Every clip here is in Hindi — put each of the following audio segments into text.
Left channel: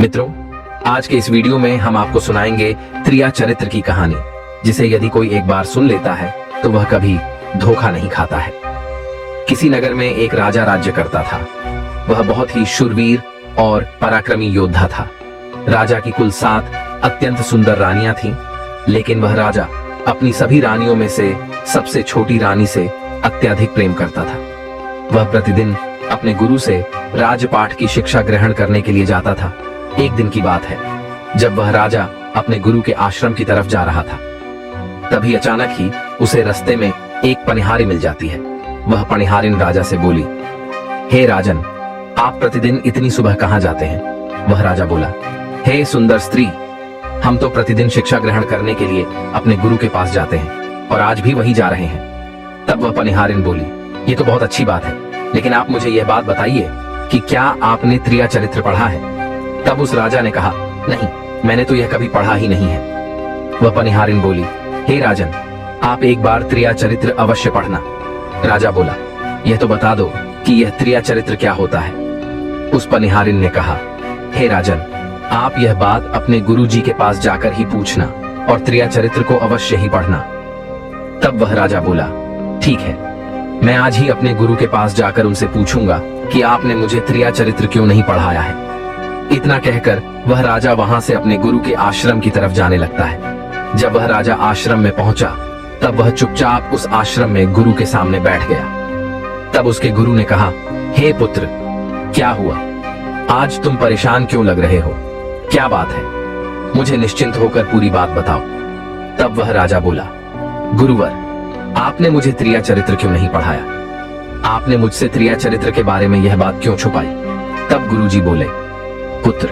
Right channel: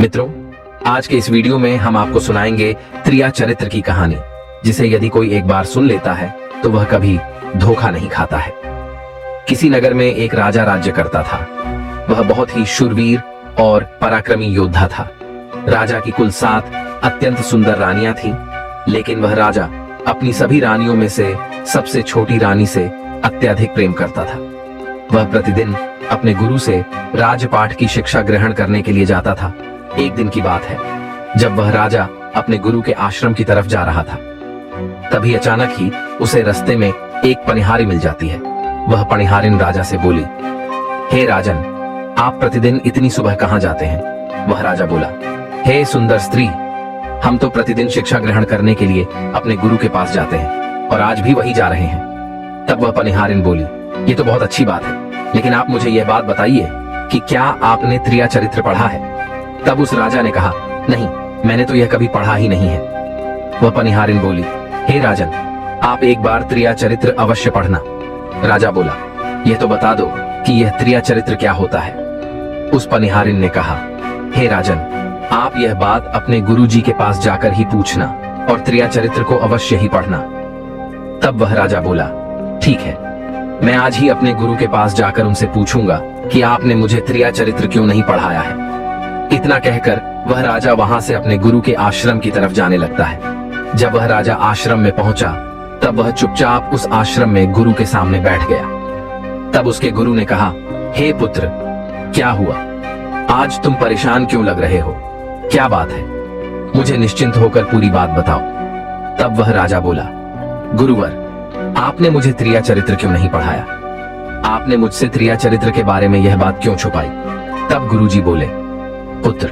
मित्रों, आज के इस वीडियो में हम आपको सुनाएंगे त्रिया चरित्र की कहानी, जिसे यदि कोई एक बार सुन लेता है तो वह कभी धोखा नहीं खाता है। किसी नगर में एक राजा राज्य करता था। वह बहुत ही शूरवीर और पराक्रमी योद्धा था। राजा की कुल 7 अत्यंत सुंदर रानियां थीं, लेकिन वह राजा अपनी सभी रानियों में से सबसे छोटी रानी से अत्यधिक प्रेम करता था। वह प्रतिदिन अपने गुरु से राजपाठ की शिक्षा ग्रहण करने के लिए जाता था। एक दिन की बात है, जब वह राजा अपने गुरु के आश्रम की तरफ जा रहा था, तभी अचानक ही उसे रास्ते में एक पनिहारी मिल जाती है। वह पनिहारिन राजा से बोली, हे राजन, आप प्रतिदिन इतनी सुबह कहां जाते हैं? वह राजा बोला, हे सुंदर स्त्री, हम तो प्रतिदिन शिक्षा ग्रहण करने के लिए अपने गुरु के पास जाते हैं और आज भी वही जा रहे हैं। तब वह पनिहारिन बोली, ये तो बहुत अच्छी बात है, लेकिन आप मुझे यह बात बताइए कि क्या आपने त्रिया चरित्र पढ़ा है? तब उस राजा ने कहा, नहीं, मैंने तो यह कभी पढ़ा ही नहीं है। वह पनिहारिन बोली, हे राजन, आप एक बार त्रिया चरित्र अवश्य पढ़ना। राजा बोला, यह तो बता दो कि यह त्रिया चरित्र क्या होता है। उस पनिहारिन ने कहा, हे राजन, आप यह बात अपने गुरुजी के पास जाकर ही पूछना और त्रिया चरित्र को अवश्य ही पढ़ना। तब वह राजा बोला, ठीक है, मैं आज ही अपने गुरु के पास जाकर उनसे पूछूंगा कि आपने मुझे त्रिया चरित्र क्यों नहीं पढ़ाया है। इतना कहकर वह राजा वहां से अपने गुरु के आश्रम की तरफ जाने लगता है। जब वह राजा आश्रम में पहुंचा, तब वह चुपचाप उस आश्रम में गुरु के सामने बैठ गया। तब उसके गुरु ने कहा, हे पुत्र, क्या हुआ? आज तुम परेशान क्यों लग रहे हो? क्या बात है? मुझे निश्चिंत होकर पूरी बात बताओ। तब वह राजा बोला, गुरुवर, आपने मुझे त्रिया चरित्र क्यों नहीं पढ़ाया? आपने मुझसे त्रिया चरित्र के बारे में यह बात क्यों छुपाई? तब गुरुजी बोले, पुत्र,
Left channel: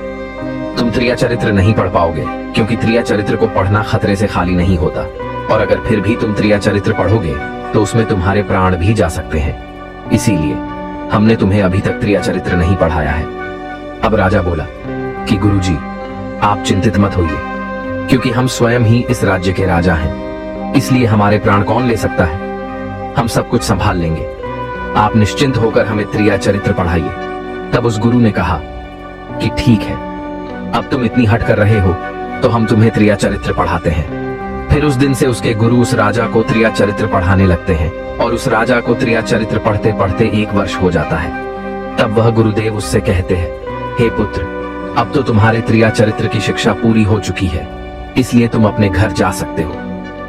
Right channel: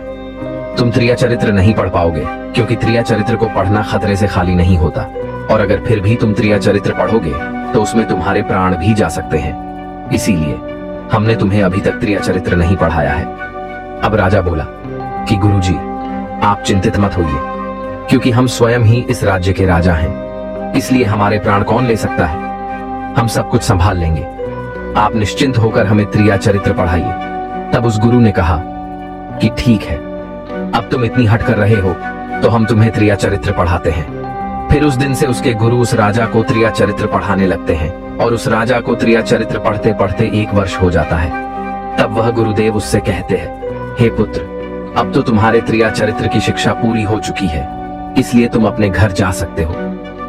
तुम त्रिया चरित्र नहीं पढ़ पाओगे, क्योंकि त्रिया चरित्र को पढ़ना खतरे से खाली नहीं होता, और अगर फिर भी तुम त्रिया चरित्र पढ़ोगे तो उसमें तुम्हारे प्राण भी जा सकते हैं। इसीलिए हमने तुम्हें अभी तक त्रिया चरित्र नहीं पढ़ाया है। अब राजा बोला कि गुरुजी, आप चिंतित मत होइए, क्योंकि हम स्वयं ही इस राज्य के राजा हैं, इसलिए हमारे प्राण कौन ले सकता है? हम सब कुछ संभाल लेंगे। आप निश्चिंत होकर हमें त्रिया चरित्र पढ़ाइए। तब उस गुरु ने कहा कि ठीक है, अब तुम इतनी हट कर रहे हो तो हम तुम्हें त्रिया चरित्र पढ़ाते हैं। फिर उस दिन से उसके गुरु उस राजा को त्रिया चरित्र पढ़ाने लगते हैं, और उस राजा को त्रिया चरित्र पढ़ते पढ़ते 1 वर्ष हो जाता है। तब वह गुरुदेव उससे कहते हैं, हे पुत्र, अब तो तुम्हारे त्रिया चरित्र की शिक्षा पूरी हो चुकी है, इसलिए तुम अपने घर जा सकते हो।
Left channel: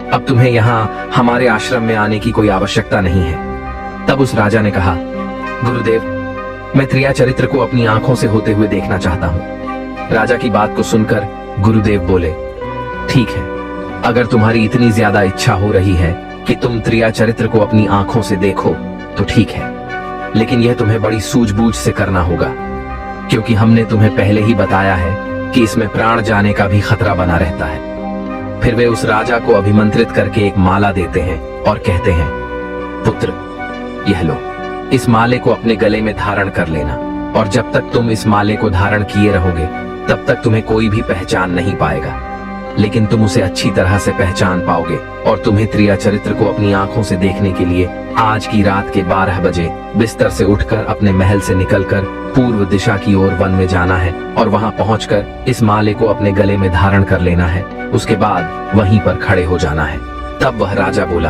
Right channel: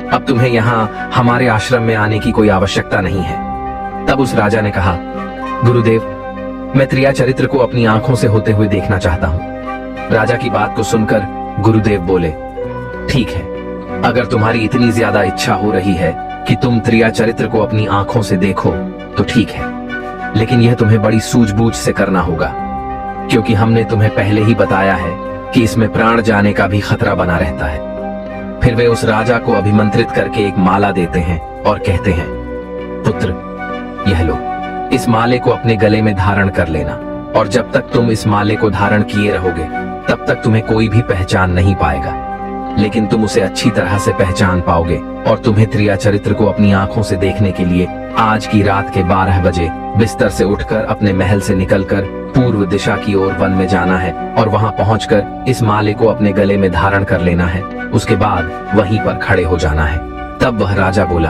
अब तुम्हें यहाँ हमारे आश्रम में आने की कोई आवश्यकता नहीं है। तब उस राजा ने कहा, गुरुदेव, मैं त्रिया चरित्र को अपनी आंखों से होते हुए देखना चाहता हूँ। राजा की बात को सुनकर गुरुदेव बोले, ठीक है, अगर तुम्हारी इतनी ज्यादा इच्छा हो रही है कि तुम त्रिया चरित्र को अपनी आंखों से देखो तो ठीक है, लेकिन यह तुम्हें बड़ी सूझबूझ से करना होगा, क्योंकि हमने तुम्हें पहले ही बताया है कि इसमें प्राण जाने का भी खतरा बना रहता है। फिर वे उस राजा को अभिमंत्रित करके एक माला देते हैं और कहते हैं, पुत्र, यह लो, इस माले को अपने गले में धारण कर लेना, और जब तक तुम इस माले को धारण किए रहोगे तब तक तुम्हें कोई भी पहचान नहीं पाएगा, लेकिन तुम उसे अच्छी तरह से पहचान पाओगे, और तुम्हें त्रिया चरित्र को अपनी आंखों से देखने के लिए आज की रात के 12 बजे बिस्तर से उठकर अपने महल से निकलकर पूर्व दिशा की ओर वन में जाना है, और वहां पहुंचकर इस माले को अपने गले में धारण कर लेना है। उसके बाद वहीं पर खड़े हो जाना है। तब वह राजा बोला,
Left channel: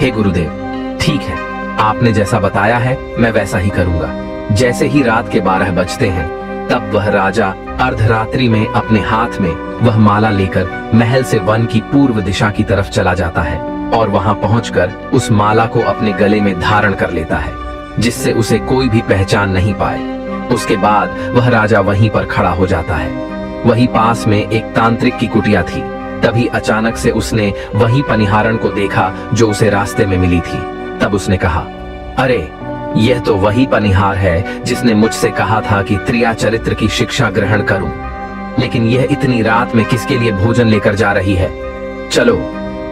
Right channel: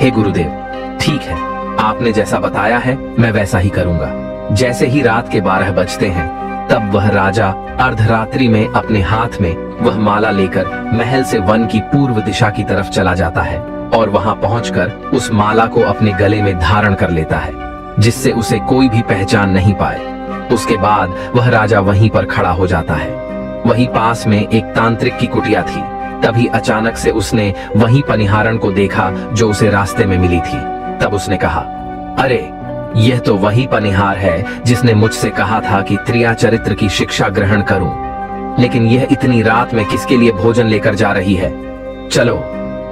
हे गुरुदेव, ठीक है, आपने जैसा बताया है मैं वैसा ही करूंगा। जैसे ही रात के 12 बजते हैं, तब वह राजा अर्धरात्रि में अपने हाथ में वह माला लेकर महल से वन की पूर्व दिशा की तरफ चला जाता है, और वहां पहुंचकर उस माला को अपने गले में धारण कर लेता है, जिससे उसे कोई भी पहचान नहीं पाए। उसके बाद वह राजा वहीं पर खड़ा हो जाता है। वहीं पास में एक तांत्रिक की कुटिया थी। तभी अचानक से उसने वहीं पनिहारन को देखा जो उसे रास्ते में मिली थी। तब उसने कहा, अरे, यह तो वही पनिहार है जिसने मुझसे कहा था कि त्रिया चरित्र की शिक्षा ग्रहण करूं, लेकिन यह इतनी रात में किसके लिए भोजन लेकर जा रही है? चलो,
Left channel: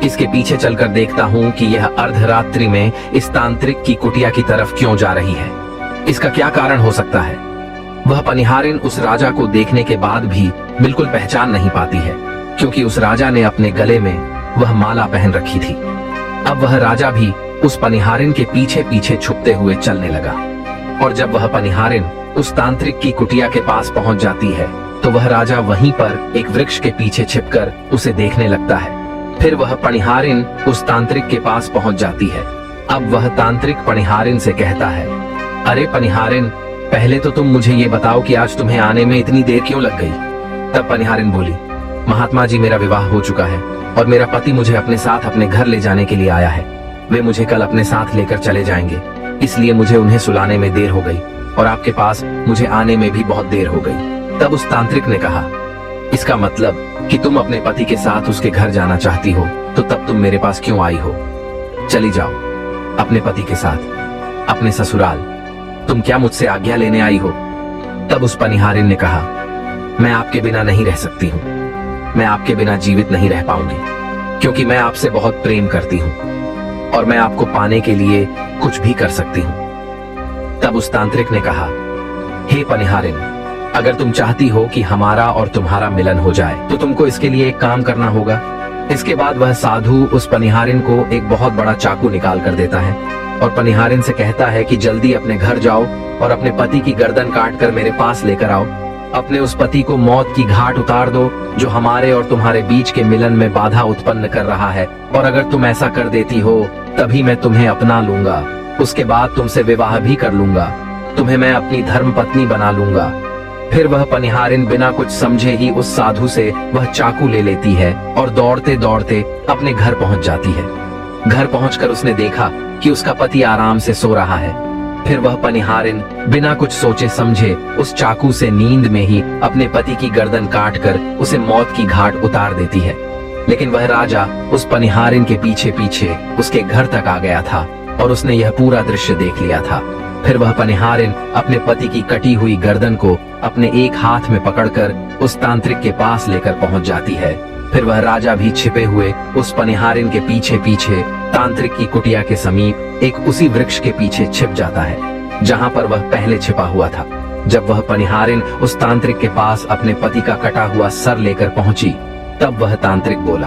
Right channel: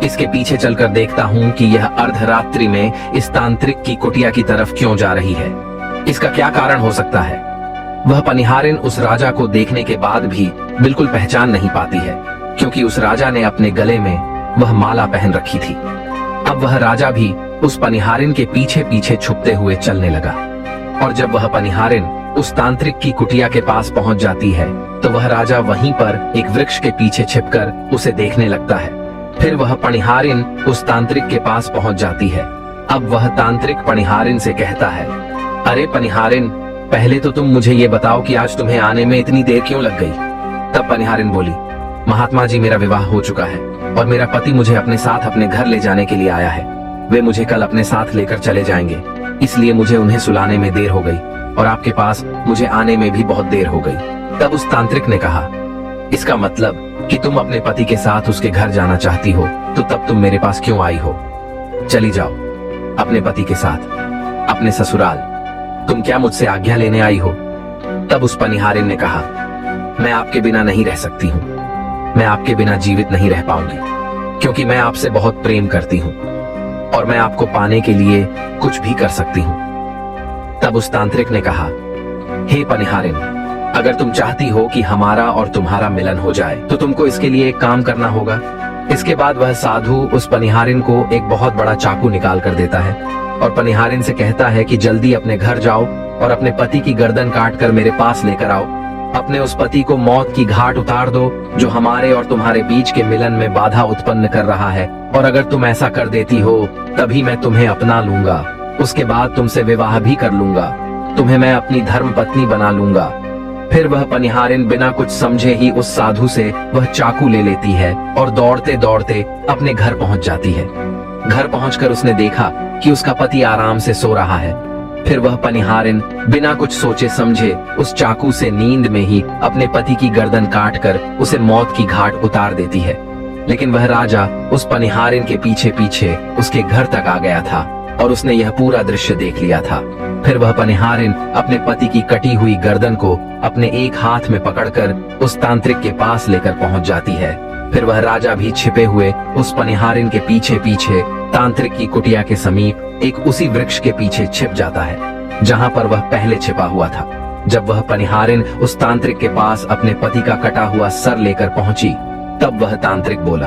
इसके पीछे चलकर देखता हूं कि यह अर्धरात्रि में इस तांत्रिक की कुटिया की तरफ क्यों जा रही है। इसका क्या कारण हो सकता है? वह पनिहारिन उस राजा को देखने के बाद भी बिल्कुल पहचान नहीं पाती है, क्योंकि उस राजा ने अपने गले में वह माला पहन रखी थी। अब वह राजा भी उस पनिहारिन के पीछे पीछे छुपते हुए चलने लगा। और जब वह पनिहारिन उस तांत्रिक की कुटिया के पास पहुंच जाती है तो वह राजा वहीं पर एक वृक्ष के पीछे छिपकर उसे देखने लगता है। फिर वह पनिहारिन उस तांत्रिक के पास पहुंच जाती है। अब वह तांत्रिक पनिहारिन से कहता है, अरे पनिहारिन, पहले तो तुम मुझे ये बताओ कि आज तुम्हें आने में इतनी देर क्यों लग गई। तब पनिहारिन बोली, महात्मा जी, मेरा विवाह हो चुका है और मेरा पति मुझे अपने साथ अपने घर ले जाने के लिए आया है। वे मुझे कल अपने साथ लेकर चले जाएंगे, इसलिए मुझे उन्हें सुलाने में देर हो गई और आपके पास मुझे आने में भी बहुत देर हो गई। तब उस तांत्रिक ने कहा, इसका मतलब कि तुम अपने पति के साथ उसके घर जाना चाहती हो, तो तब तुम मेरे पास क्यों आई हो? चली जाओ अपने पति के साथ अपने ससुराल। तुम क्या मुझसे आज्ञा लेने आई हो? तब उस पनिहारिन ने कहा, मैं आपके बिना नहीं रह सकती हूँ, मैं आपके बिना जीवित नहीं रह पाऊंगी, क्योंकि मैं आपसे बहुत प्रेम करती हूँ और मैं आपको पाने के लिए कुछ भी कर सकती हूँ। तब उस तांत्रिक ने कहा, हे पनिहारिन, अगर तुम चाहती हो कि हमारा और तुम्हारा मिलन हो जाए तो तुमको इसके लिए एक काम करना होगा। इसके बाद वह साधु उस पनिहारिन को एक बहुत बड़ा चाकू निकाल कर देता है और पनिहारिन से कहता है कि जल्दी अपने घर जाओ और अपने पति की गर्दन काट कर मेरे पास लेकर आओ। अपने उस पति को मौत की घाट उतार दो जो हमारे और तुम्हारे बीच के मिलन में बाधा उत्पन्न कर रहा है, और अगर तुम ऐसा कर देती हो तभी मैं तुम्हें अपना लूंगा। उसके बाद तुमसे विवाह भी कर लूंगा, तुम्हें मैं अपनी धर्म पत्नी बना लूंगा। फिर वह पनिहारिन बिना कुछ समझे ही उस साधु से वह चाकू ले लेती है और दौड़ते दौड़ते अपने घर पहुंच जाती है। घर पहुंचकर उसने देखा कि उसका पति आराम से सो रहा है। फिर वह पनिहारिन बिना कुछ सोचे समझे उस चाकू से नींद में ही अपने पति की गर्दन काटकर उसे मौत की घाट उतार देती है। लेकिन वह राजा उस पनिहारिन के पीछे पीछे उसके घर तक आ गया था और उसने यह पूरा दृश्य देख लिया था। फिर वह पनिहारिन अपने पति की कटी हुई गर्दन को अपने एक हाथ में पकड़कर उस तांत्रिक के पास लेकर पहुंच जाती है। फिर वह राजा भी छिपे हुए उस पनिहारिन के पीछे पीछे तांत्रिक की कुटिया के समीप एक उसी वृक्ष के पीछे छिप जाता है जहां पर वह पहले छिपा हुआ था। जब वह पनिहारिन उस तांत्रिक के पास अपने पति का कटा हुआ सर लेकर पहुंची तब वह तांत्रिक बोला,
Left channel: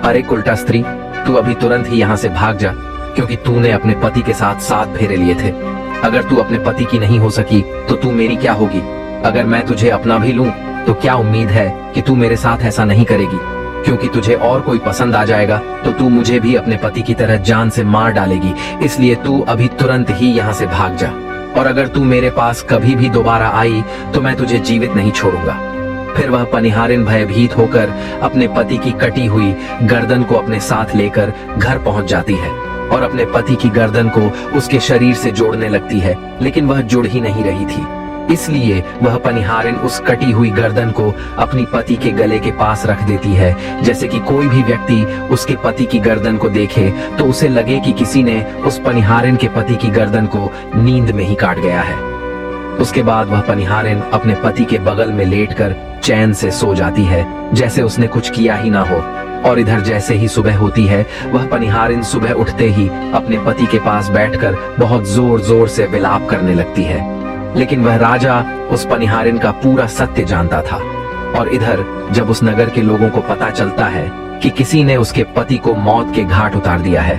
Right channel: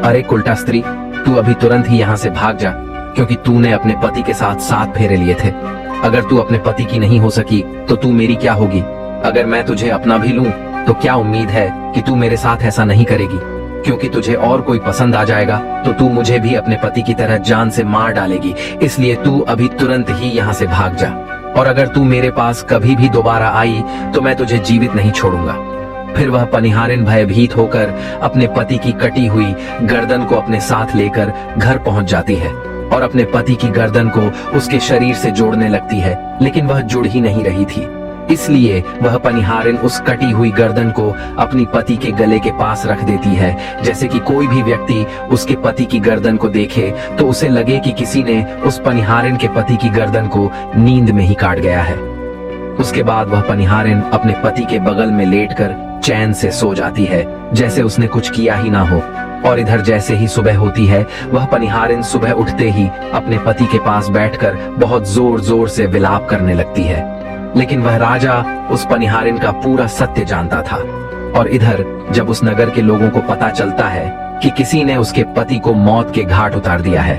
अरे कुलटा स्त्री, तू अभी तुरंत ही यहाँ से भाग जा, क्योंकि तूने अपने पति के साथ 7 फेरे लिए थे। अगर तू अपने पति की नहीं हो सकी तो तू मेरी क्या होगी? अगर मैं तुझे अपना भी लूं तो क्या उम्मीद है कि तू मेरे साथ ऐसा नहीं करेगी? क्योंकि तुझे और कोई पसंद आ जाएगा तो तू मुझे भी अपने पति की तरह जान से मार डालेगी। इसलिए तू अभी तुरंत ही यहाँ से भाग जा, और अगर तू मेरे पास कभी भी दोबारा आई तो मैं तुझे जीवित नहीं छोड़ूंगा। फिर वह पनिहारिन भयभीत होकर अपने पति की कटी हुई गर्दन को अपने साथ लेकर घर पहुंच जाती है और अपने पति की गर्दन को उसके शरीर से जोड़ने लगती है, लेकिन वह जुड़ ही नहीं रही थी। इसलिए वह पनिहारिन उस कटी हुई गर्दन को अपनी पति के गले के पास रख देती है, जैसे कि कोई भी व्यक्ति उसके पति की गर्दन को देखे तो उसे लगे कि किसी ने उस पनिहारिन के पति की गर्दन को नींद में ही काट गया है। उसके बाद वह पनिहारिन अपने पति के बगल में लेटकर चैन से सो जाती है, जैसे उसने कुछ किया ही ना हो। और इधर जैसे ही सुबह होती है वह पनिहारिन सुबह उठते ही अपने पति के पास बैठकर बहुत जोर जोर से विलाप करने लगती है। लेकिन वह राजा उस पनिहारिन का पूरा सत्य जानता था, और इधर जब उस नगर के लोगों को पता चलता है कि किसी ने उसके पति को मौत के घाट उतार दिया है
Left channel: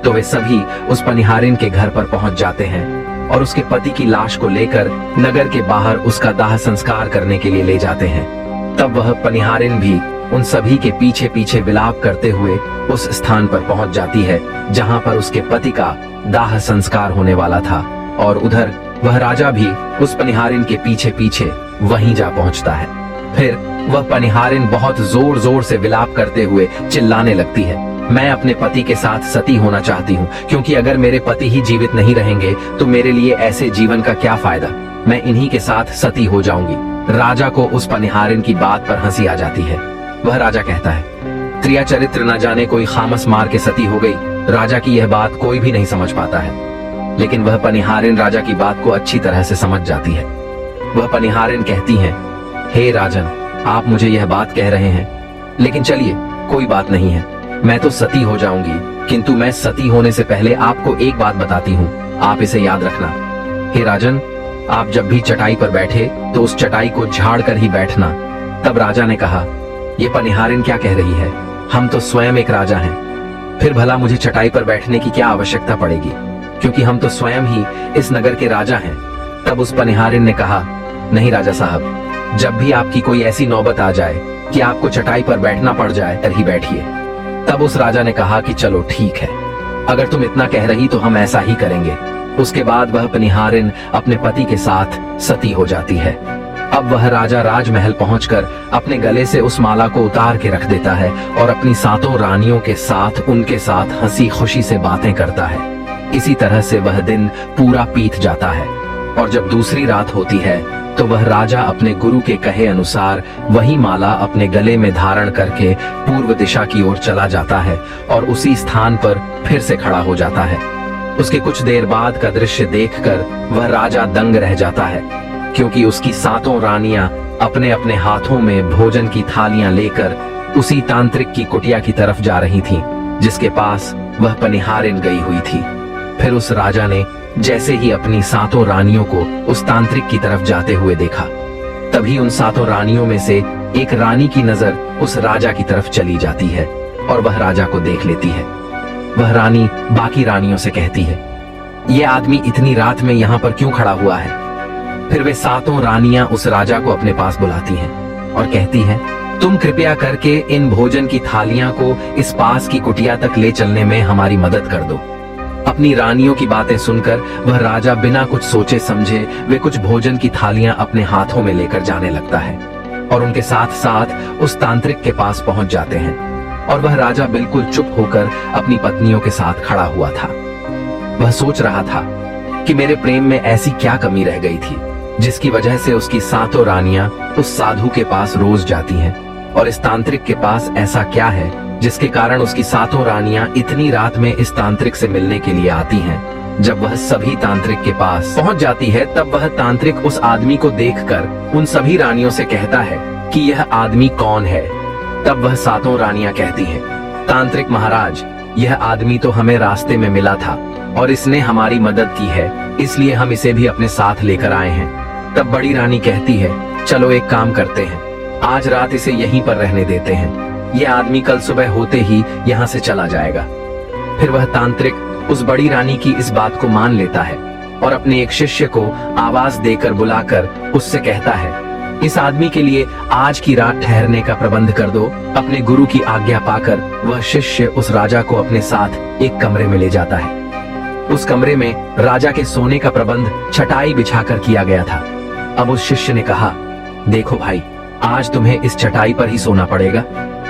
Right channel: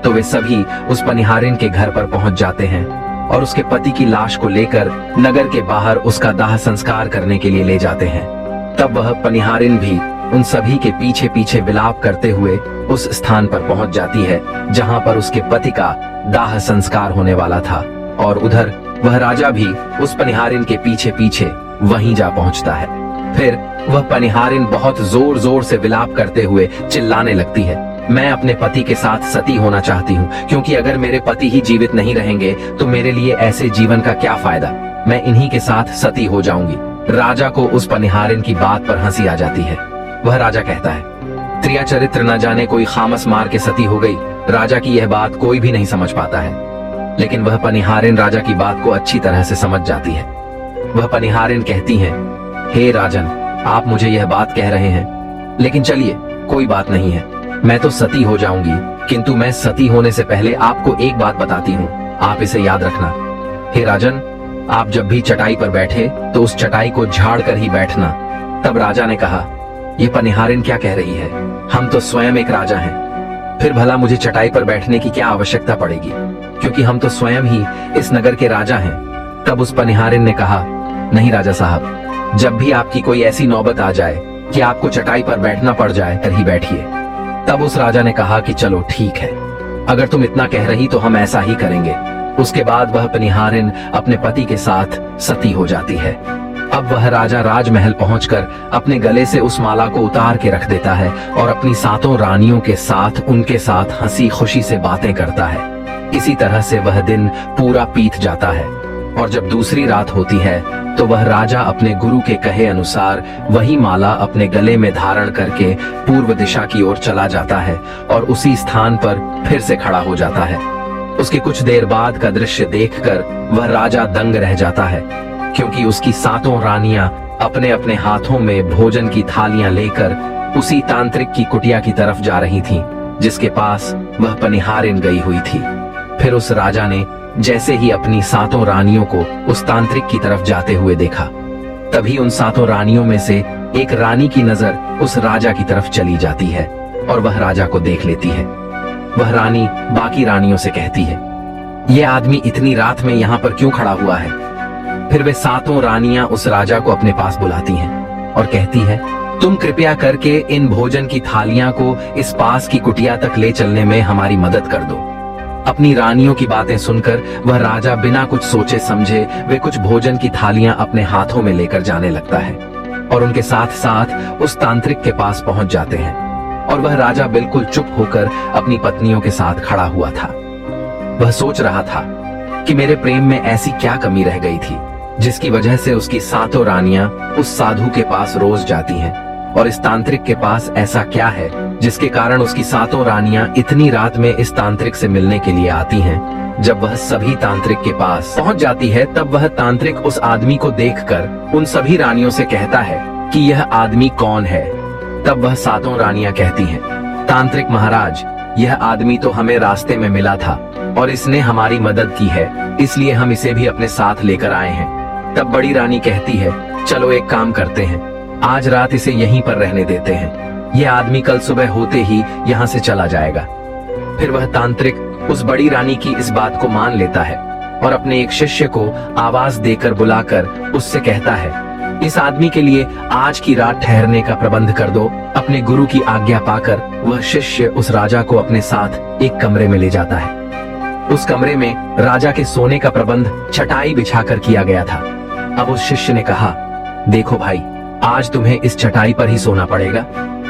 तो वे सभी उस पनिहारिन के घर पर पहुंच जाते हैं और उसके पति की लाश को लेकर नगर के बाहर उसका दाह संस्कार करने के लिए ले जाते हैं। तब वह पनिहारिन भी उन सभी के पीछे पीछे विलाप करते हुए उस स्थान पर पहुंच जाती है जहां पर उसके पति का दाह संस्कार होने वाला था, और उधर वह राजा भी उस पनिहारिन के पीछे पीछे वहीं जा पहुंचता है। फिर वह पनिहारिन बहुत जोर जोर से विलाप करते हुए चिल्लाने लगती है, मैं अपने पति के साथ सती होना चाहती हूँ, क्योंकि अगर मेरे पति ही जीवित नहीं रहेंगे तो मेरे लिए ऐसे जीवन का क्या फायदा? मैं इन्हीं के साथ सती हो जाऊंगी। राजा को उस पनिहारिन की बात पर हंसी आ जाती है। वह राजा कहता है, त्रिया चरित्र न जाने कोई खामस मार के सती हो गई। राजा की यह बात कोई भी नहीं समझ पाता है, लेकिन वह पनिहारिन राजा की बात को अच्छी तरह से समझ जाती है। वह पनिहारिन कहती है, हे राजन, आप मुझे यह बात कह रहे हैं, लेकिन चलिए कोई बात नहीं है, मैं तो सती हो जाऊंगी, किंतु मैं सती होने से पहले आपको एक बात बताती हूँ, आप इसे याद रखना। हे राजन, आप जब भी चटाई पर बैठे तो उस चटाई को झाड़ कर ही बैठना। तब राजा ने कहा, ये पनिहारिन क्या कह रही है? हम तो स्वयं एक राजा हैं। फिर भला मुझे चटाई पर बैठने की क्या आवश्यकता पड़ेगी, क्योंकि हम तो स्वयं ही इस नगर के राजा हैं। तब उस पनिहारिन ने कहा, नहीं राजा साहब, जब भी आपकी कोई ऐसी नौबत आ जाए कि आपको चटाई पर बैठना पड़ जाए तभी बैठिए। तब उस राजा ने कहा कि चलो ठीक है, अगर तुम इतना कह रही तो हम ऐसा ही करेंगे। उसके बाद वह पनिहारिन अपने पति के साथ सती हो जाती है। अब वह राजा राजमहल पहुंचकर अपने गले से उस माला को उतार के रख देता है और अपनी 7 रानियों के साथ उनके साथ हंसी खुशी से बातें करता है। इसी तरह से वह दिन पूरा बीत जाता है और जब दूसरी रात होती है तो वह राजा अपने गुरु के कहे अनुसार वही माला अपने गले में धारण करके पूर्व दिशा की ओर चला जाता है और उसी स्थान पर फिर से खड़ा हो जाता है। उसके कुछ देर बाद का दृश्य देखकर वह राजा दंग रह जाता है, क्योंकि उसकी 7 रानियां अपने अपने हाथों में भोजन की थालियां लेकर उसी तांत्रिक की कुटिया की तरफ जा रही थीं, जिसके पास वह पनिहारिन गई हुई थी। फिर उस राजा ने जैसे ही अपनी 7 रानियों को उस तांत्रिक की तरफ जाते हुए देखा, तभी उन 7 रानियों में से एक रानी की नजर उस राजा की तरफ चली जाती है और वह राजा को देख लेती है। वह रानी बाकी रानियों से कहती है, ये आदमी इतनी रात में यहाँ पर क्यों खड़ा हुआ है? फिर वे 7 रानियां उस राजा को अपने पास बुलाती हैं और कहती हैं, तुम कृपया करके इन भोजन की थालियां को इस पास की कुटिया तक ले चलने में हमारी मदद कर दो। अपनी रानियों की बातें सुनकर वह राजा बिना कुछ सोचे समझे वे कुछ भोजन की थालियां अपने हाथों में लेकर जाने लगता है और उनके साथ साथ उस तांत्रिक के पास पहुंच जाते हैं और वह राजा बिल्कुल चुप होकर अपनी पत्नियों के साथ खड़ा हुआ था। वह सोच रहा था कि मेरे प्रेम में ऐसी क्या कमी रह गई थी जिसकी वजह से उसकी 7 रानियां उस साधु के पास रोज जाती हैं, और इस तांत्रिक के पास ऐसा क्या है जिसके कारण उसकी 7 रानियां इतनी रात में इस तांत्रिक से मिलने के लिए आती हैं। जब वह सभी तांत्रिक के पास पहुंच जाती है तब वह तांत्रिक उस आदमी को देखकर उन सभी रानियों से कहता है कि यह आदमी कौन है। तब वह 7 रानियां कहती हैं, तांत्रिक महाराज, यह आदमी तो हमें रास्ते में मिला था और इसने हमारी मदद की है, इसलिए हम इसे भी अपने साथ लेकर आए हैं। तब बड़ी रानी कहती है, चलो एक काम करते हैं, आज रात इसे यहीं पर रहने देते हैं, यह आदमी कल सुबह होते ही यहाँ से चला जाएगा। फिर वह तांत्रिक उस बड़ी रानी की इस बात को मान लेता है और अपने एक शिष्य को आवाज देकर बुलाकर उससे कहता है, इस आदमी के लिए आज की रात ठहरने का प्रबंध कर दो। अपने गुरु की आज्ञा पाकर वह शिष्य उस राजा को अपने साथ एक कमरे में ले जाता है। उस कमरे में राजा के सोने का प्रबंध चटाई बिछाकर किया गया था। अब उस शिष्य ने कहा, देखो भाई, आज तुम्हें इस चटाई पर ही सोना पड़ेगा।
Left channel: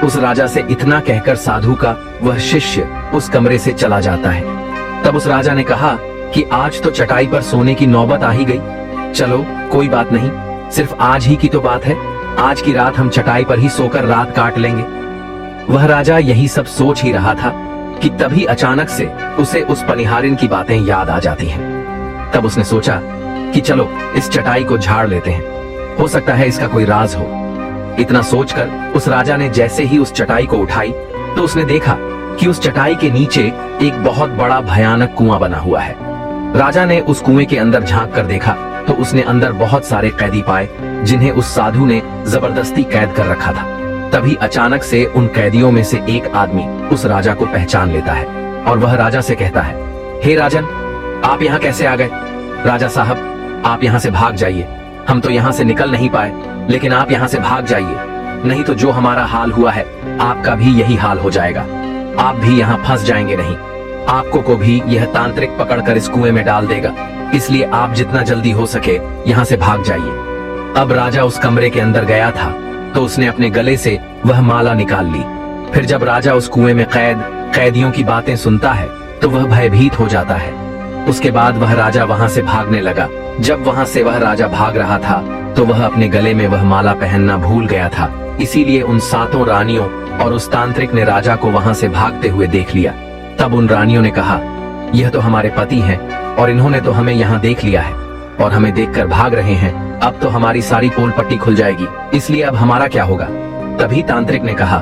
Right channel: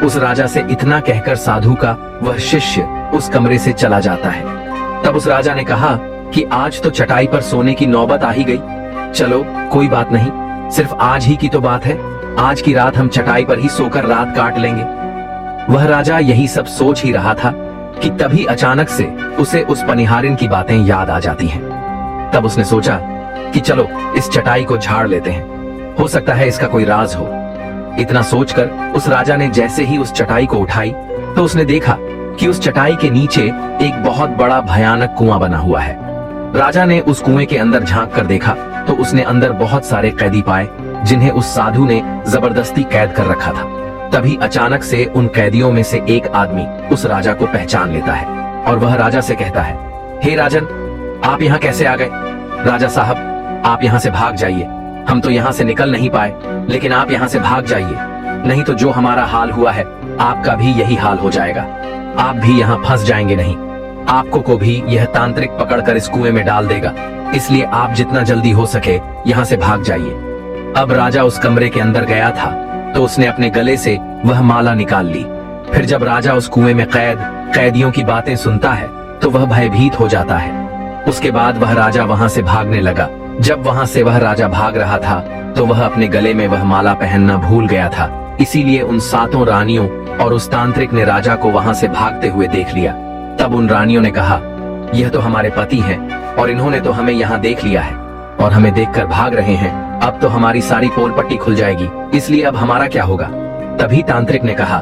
उस राजा से इतना कहकर साधु का वह शिष्य उस कमरे से चला जाता है। तब उस राजा ने कहा कि आज तो चटाई पर सोने की नौबत आ ही गई, चलो कोई बात नहीं, सिर्फ आज ही की तो बात है, आज की रात हम चटाई पर ही सोकर रात काट लेंगे। वह राजा यही सब सोच ही रहा था कि तभी अचानक से उसे उस पनिहारिन की बातें याद आ जाती हैं। तब उसने सोचा कि चलो इस चटाई को झाड़ लेते हैं, हो सकता है इसका कोई राज हो। इतना सोचकर उस राजा ने जैसे ही उस चटाई को उठाई तो उसने देखा कि उस चटाई के नीचे एक बहुत बड़ा भयानक कुआं बना हुआ है। राजा ने उस कुएं के अंदर झांक कर देखा तो उसने अंदर बहुत सारे कैदी पाए जिन्हें उस साधु ने जबरदस्ती कैद कर रखा था। तभी अचानक से उन कैदियों में से एक आदमी उस राजा को पहचान लेता है और वह राजा से कहता है, हे राजन, आप यहाँ कैसे आ गए? राजा साहब, आप यहाँ से भाग जाइए, हम तो यहाँ से निकल नहीं पाए, लेकिन आप यहाँ से भाग जाइए, नहीं तो जो हमारा हाल हुआ है आपका भी यही हाल हो जाएगा, आप भी यहाँ फंस जाएंगे। नहीं, आपको को भी यह तांत्रिक पकड़कर इस कुएं में डाल देगा, इसलिए आप जितना जल्दी हो सके यहाँ से भाग जाइए। अब राजा उस कमरे के अंदर गया था तो उसने अपने गले से वह माला निकाल ली। फिर जब राजा उस कुएं में कैदियों की बातें सुनता है तो वह भयभीत हो जाता है। उसके बाद वह राजा वहां से भागने लगा। जब वहां से वह राजा भाग रहा था तो वह अपने गले में वह माला पहनना भूल गया था, इसीलिए उन 7 रानियों और उस तांत्रिक ने राजा को वहां से भागते हुए देख लिया। तब उन रानियों ने कहा, यह तो हमारे पति हैं और इन्होंने तो हमें यहाँ देख लिया है और हमें देखकर भाग रहे हैं, अब तो हमारी सारी पोल पट्टी खुल जाएगी, इसलिए अब हमारा क्या होगा? तभी तांत्रिक ने कहा,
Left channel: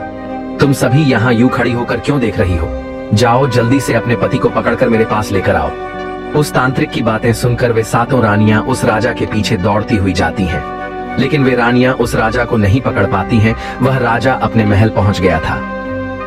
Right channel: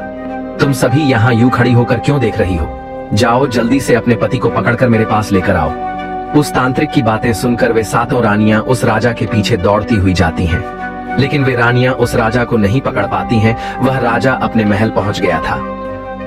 तुम सभी यहाँ यूं खड़ी होकर क्यों देख रही हो? जाओ जल्दी से अपने पति को पकड़कर मेरे पास लेकर आओ। उस तांत्रिक की बातें सुनकर वे 7 रानियां उस राजा के पीछे दौड़ती हुई जाती हैं, लेकिन वे रानियां उस राजा को नहीं पकड़ पाती हैं। वह राजा अपने महल पहुंच गया था।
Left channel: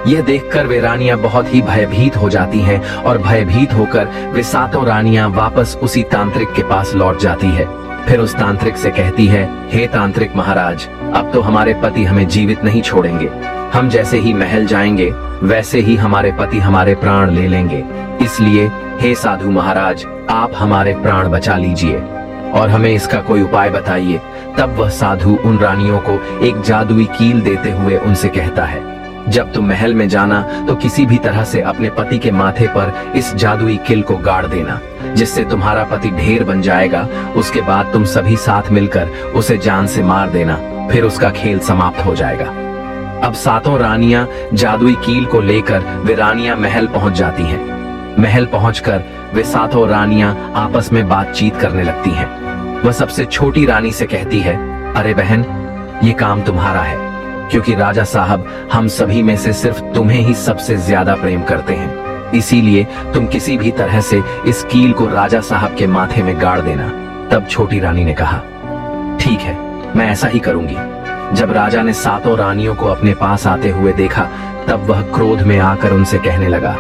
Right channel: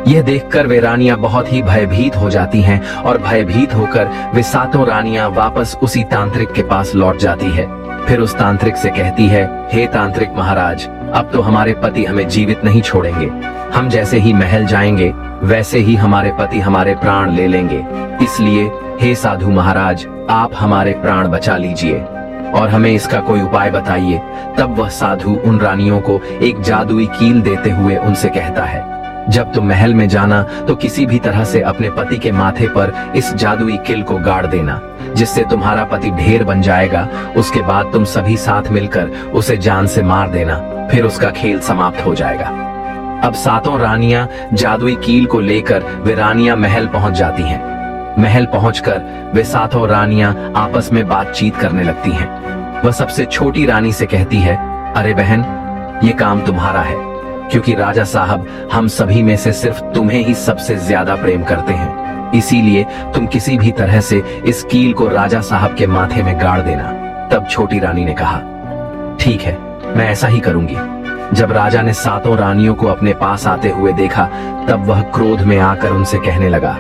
यह देखकर वे रानियां बहुत ही भयभीत हो जाती हैं और भयभीत होकर वे सातों रानियां वापस उसी तांत्रिक के पास लौट जाती है। फिर उस तांत्रिक से कहती है, हे तांत्रिक महाराज, अब तो हमारे पति हमें जीवित नहीं छोड़ेंगे। हम जैसे ही महल जाएंगे वैसे ही हमारे पति हमारे प्राण ले लेंगे। इसलिए हे साधु महाराज, आप हमारे प्राण बचा लीजिए और हमें इसका कोई उपाय बताइए। तब वह साधु उन रानियों को एक जादुई कील देते हुए उनसे कहता है, जब तुम महल में जाना तो किसी भी तरह से अपने पति के माथे पर इस जादुई कील को गाड़ देना, जिससे तुम्हारा पति ढेर बन जाएगा। उसके बाद तुम सभी साथ मिलकर उसे जान से मार देना, फिर उसका खेल समाप्त हो जाएगा। अब सातों रानियां जादुई कील को लेकर वे रानियां महल पहुंच जाती हैं। महल पहुंचकर वे सातों रानियां आपस में बातचीत करने लगती हैं। वह सबसे छोटी रानी से कहती है, अरे बहन, ये काम तुम्हारा है, क्योंकि राजा साहब हम सभी में से सिर्फ तुम्हें ही सबसे ज्यादा प्रेम करते हैं। इसीलिए तुम किसी भी तरह से इस कील को राजा साहब के माथे में गाड़ देना। तब छोटी रानी ने कहा, ठीक है, मैं ऐसा ही करूंगी। जब राजा ने सातों रानियों को अपने पास आते हुए देखा, तब वह क्रोध में आकर उनसे कहने लगा,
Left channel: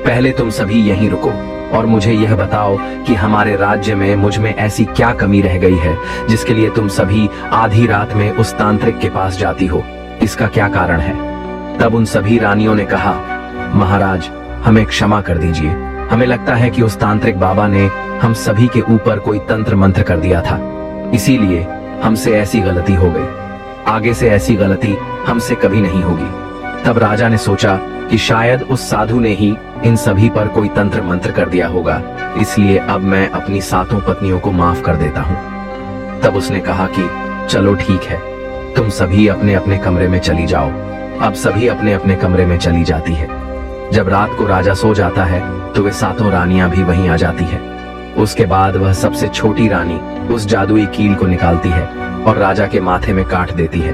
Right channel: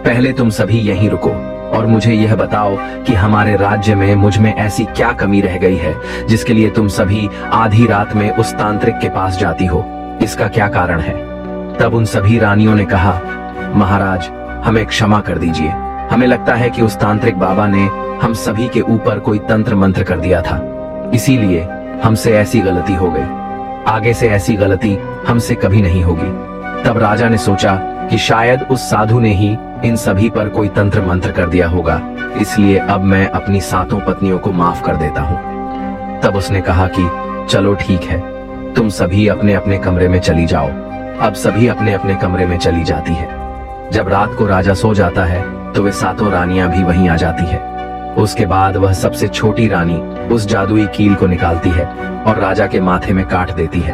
पहले तुम सभी यहीं रुको और मुझे यह बताओ कि हमारे राज्य में मुझ में ऐसी क्या कमी रह गई है जिसके लिए तुम सभी आधी रात में उस तांत्रिक के पास जाती हो। इसका क्या कारण है? तब उन सभी रानियों ने कहा, महाराज, हमें क्षमा कर दीजिए। हमें लगता है कि उस तांत्रिक बाबा ने हम सभी के ऊपर कोई तंत्र मंत्र कर दिया था, इसीलिए हमसे ऐसी गलती हो गई। आगे से ऐसी गलती हमसे कभी नहीं होगी। तब राजा ने सोचा कि शायद उस साधु ने ही इन सभी पर कोई तंत्र मंत्र कर दिया होगा, इसलिए अब मैं अपनी सातों पत्नियों को माफ कर देता हूँ। तब उसने कहा कि चलो ठीक है, तुम सभी अपने अपने कमरे में चली जाओ। अब सभी अपने अपने कमरे में चली जाती है। जब रात को राजा सो जाता है तो वे सातों रानियां भी वहीं आ जाती है। उसके बाद वह सबसे छोटी रानी उस जादुई कील को निकालती है और राजा के माथे में काट देती है।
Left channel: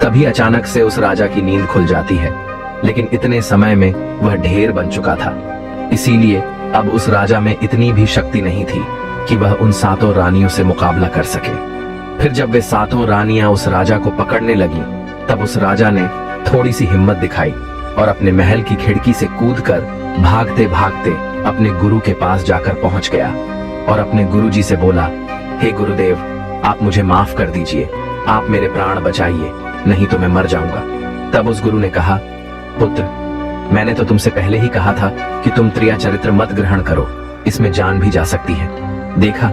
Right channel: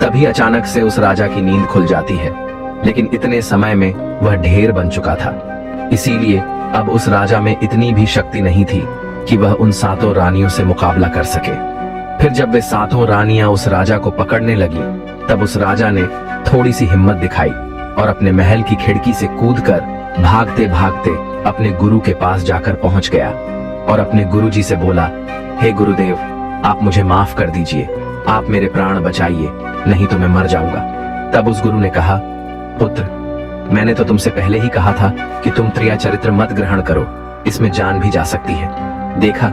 तभी अचानक से उस राजा की नींद खुल जाती है, लेकिन इतने समय में वह ढेर बन चुका था। इसीलिए अब उस राजा में इतनी भी शक्ति नहीं थी कि वह उन सातों रानियों से मुकाबला कर सके। फिर जब वे सातों रानियां उस राजा को पकड़ने लगी, तब उस राजा ने थोड़ी सी हिम्मत दिखाई और अपने महल की खिड़की से कूदकर भागते भागते अपने गुरु के पास जाकर पहुंच गया और अपने गुरुजी से बोला, हे गुरुदेव, आप मुझे माफ कर दीजिए, आप मेरे प्राण बचाइए, नहीं तो मैं मर जाऊंगा। तब उस गुरु ने कहा, पुत्र, मैंने तो तुमसे पहले ही कहा था कि तुम त्रिया चरित्र मत ग्रहण करो, इसमें जान भी जा सकती है। देखा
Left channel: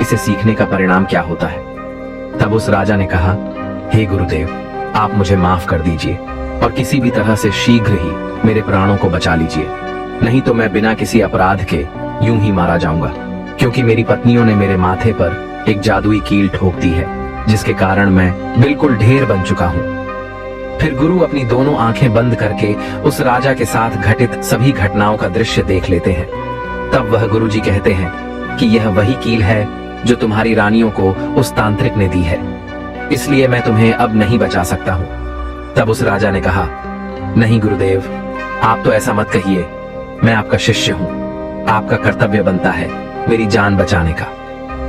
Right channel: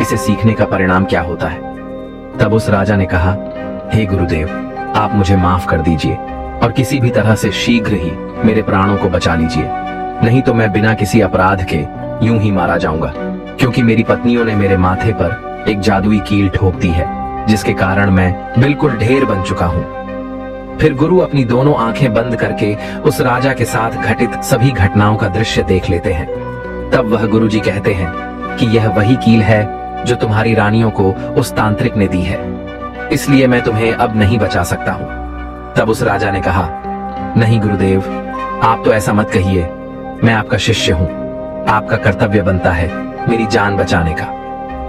इसे सीखने का परिणाम क्या होता है। तब उस राजा ने कहा, हे गुरुदेव, आप मुझे माफ कर दीजिए और किसी भी तरह से शीघ्र ही मेरे प्राणों को बचा लीजिए, नहीं तो मैं बिना किसी अपराध के यूं ही मारा जाऊंगा, क्योंकि मेरी पत्नियों ने मेरे माथे पर एक जादुई कील ठोक दी है, जिसके कारण मैं बिल्कुल ढेर बन चुका हूँ। फिर गुरु अपनी दोनों आंखें बंद करके उस राजा के साथ घटित सभी घटनाओं का दृश्य देख लेते हैं। तब वह गुरुजी कहते हैं कि यह वही कील है जो तुम्हारी रानियों को उस तांत्रिक ने दी है, इसलिए मैं तुम्हें अब नहीं बचा सकता हूँ। तब उस राजा ने कहा, नहीं गुरुदेव, आप तो ऐसा मत कहिए, मैं आपका शिष्य हूँ, आपका कर्तव्य बनता है मेरी जान बचाने का।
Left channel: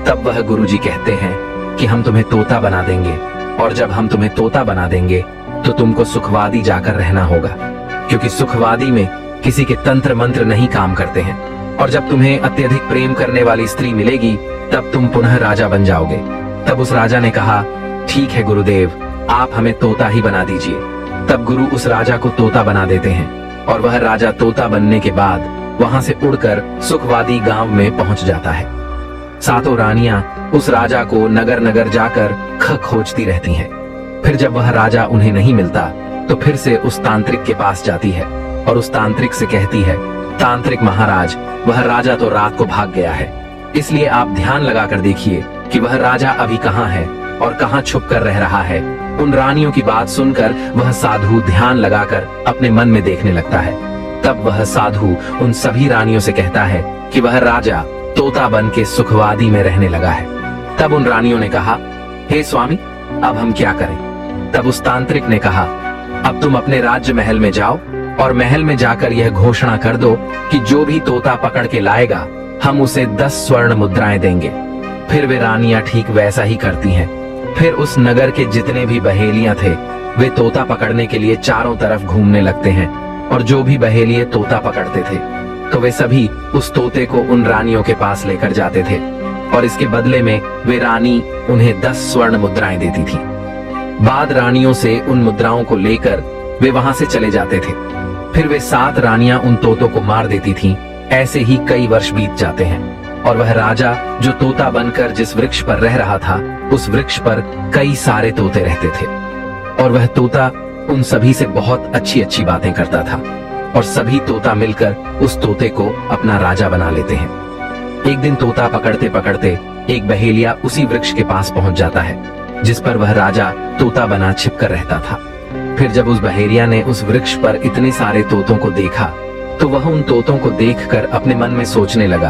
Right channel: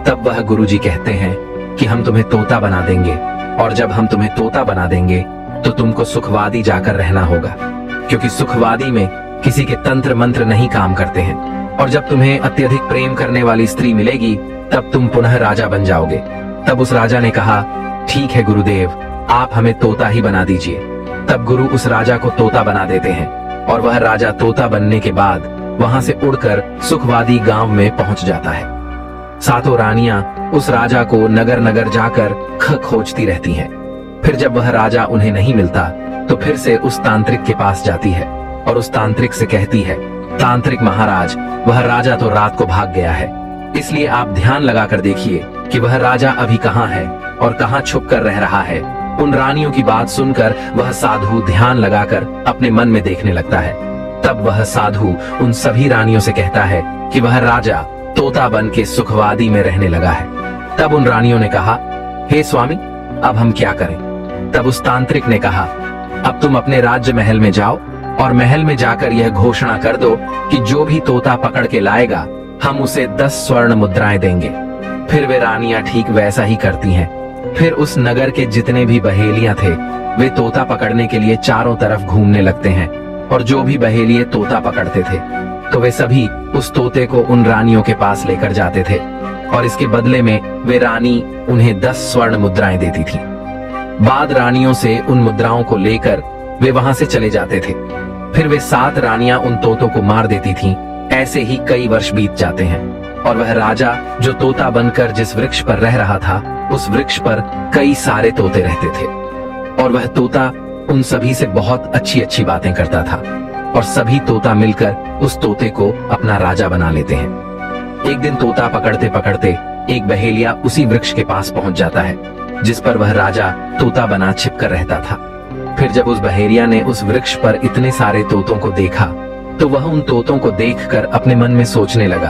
तब वह गुरुजी कहते हैं कि हम तुम्हें तोता बना देंगे, और जब हम तुम्हें तोता बना देंगे तो तुमको सुखवादी जाकर रहना होगा, क्योंकि सुखवादी में किसी के तंत्र मंत्र नहीं काम करते हैं, और जब तुम्हें अत्यधिक प्रेम करने वाली स्त्री मिलेगी तब तुम पुनः राजा बन जाओगे। तब उस राजा ने कहा, ठीक है गुरुदेव, आप हमें तोता ही बना दीजिए। तब गुरु उस राजा को तोता बना देते हैं और वह राजा तोता बनने के बाद वहां से उड़कर सुखवादी गांव में पहुंच जाता है। सातों रानियां उस राजा को नगर नगर जाकर खोजती रहती हैं। फिर जब वह राजा उन्हें नहीं मिलता तो फिर से उस तांत्रिक के पास जाती है और उस तांत्रिक से कहती है, तांत्रिक महाराज, वह राजा तो रात को भाग गया है, इसलिए आप ध्यान लगाकर देखिए कि वह राजा अभी कहाँ है और कहाँ छुप कर रह रहा है। उन रानियों की बात सुनकर वह साधु ध्यान लगाकर अपने मन में देखने लगता है। तब वह साधु उन सभी रानियों से कहता है कि वह राजा तोता बन के सुखवादी में रहने लगा है। तब उन रानियों ने कहा, हे स्वामी, अब हम क्या करें? तब उस तांत्रिक ने कहा, अब तुम अपने राज्य महल में जाओ और महल में जाकर यह घोषणा कर दो कि जो भी तोता पकड़ के लाएगा हम उसे 10 स्वर्ण मुद्राएं देंगे। फिर वे रानियां ठीक वैसा ही करती हैं। फिर उस नगर के जितने भी बहेलियां थे वे तोता पकड़ने के लिए चारों तरफ घूमने लगते हैं और जो भी बहेलिए तोता पकड़ते थे तो वे सभी उस तोते को उन रानियों के पास लेकर जाते थे और इसके बदले में वे रानी उन्हें 10 स्वर्ण मुद्राएं देती थी। बाद रानियों से उन मुद्राओं को लेकर वे वहां से चले जाते थे। फिर वे 7 रानियां उन तोतों को मार देती थीं। ऐसे ही कई वर्ष बीत जाते हैं और वह राजा जो तोता बनकर जिस वृक्ष पर रह रहा था, उस वृक्ष पर कई सारे तोते रहते थे और वह तोता उन सभी से बहुत अच्छी अच्छी बातें करता था और सभी तोता मिलकर उस तोते को अपना राजा बना लेते हैं। एक दिन तोता पकड़ते पकड़ते एक बहेलिया उसी वृक्ष के पास पहुंच जाता है जिस पर वह राजा तोता बना छिपकर रहता था। फिर जब उस बहेलिया ने उस वृक्ष पर इतने सारे तोतों को देखा तो वह उन तोतों को देखकर अपने मन में सोचने लगा,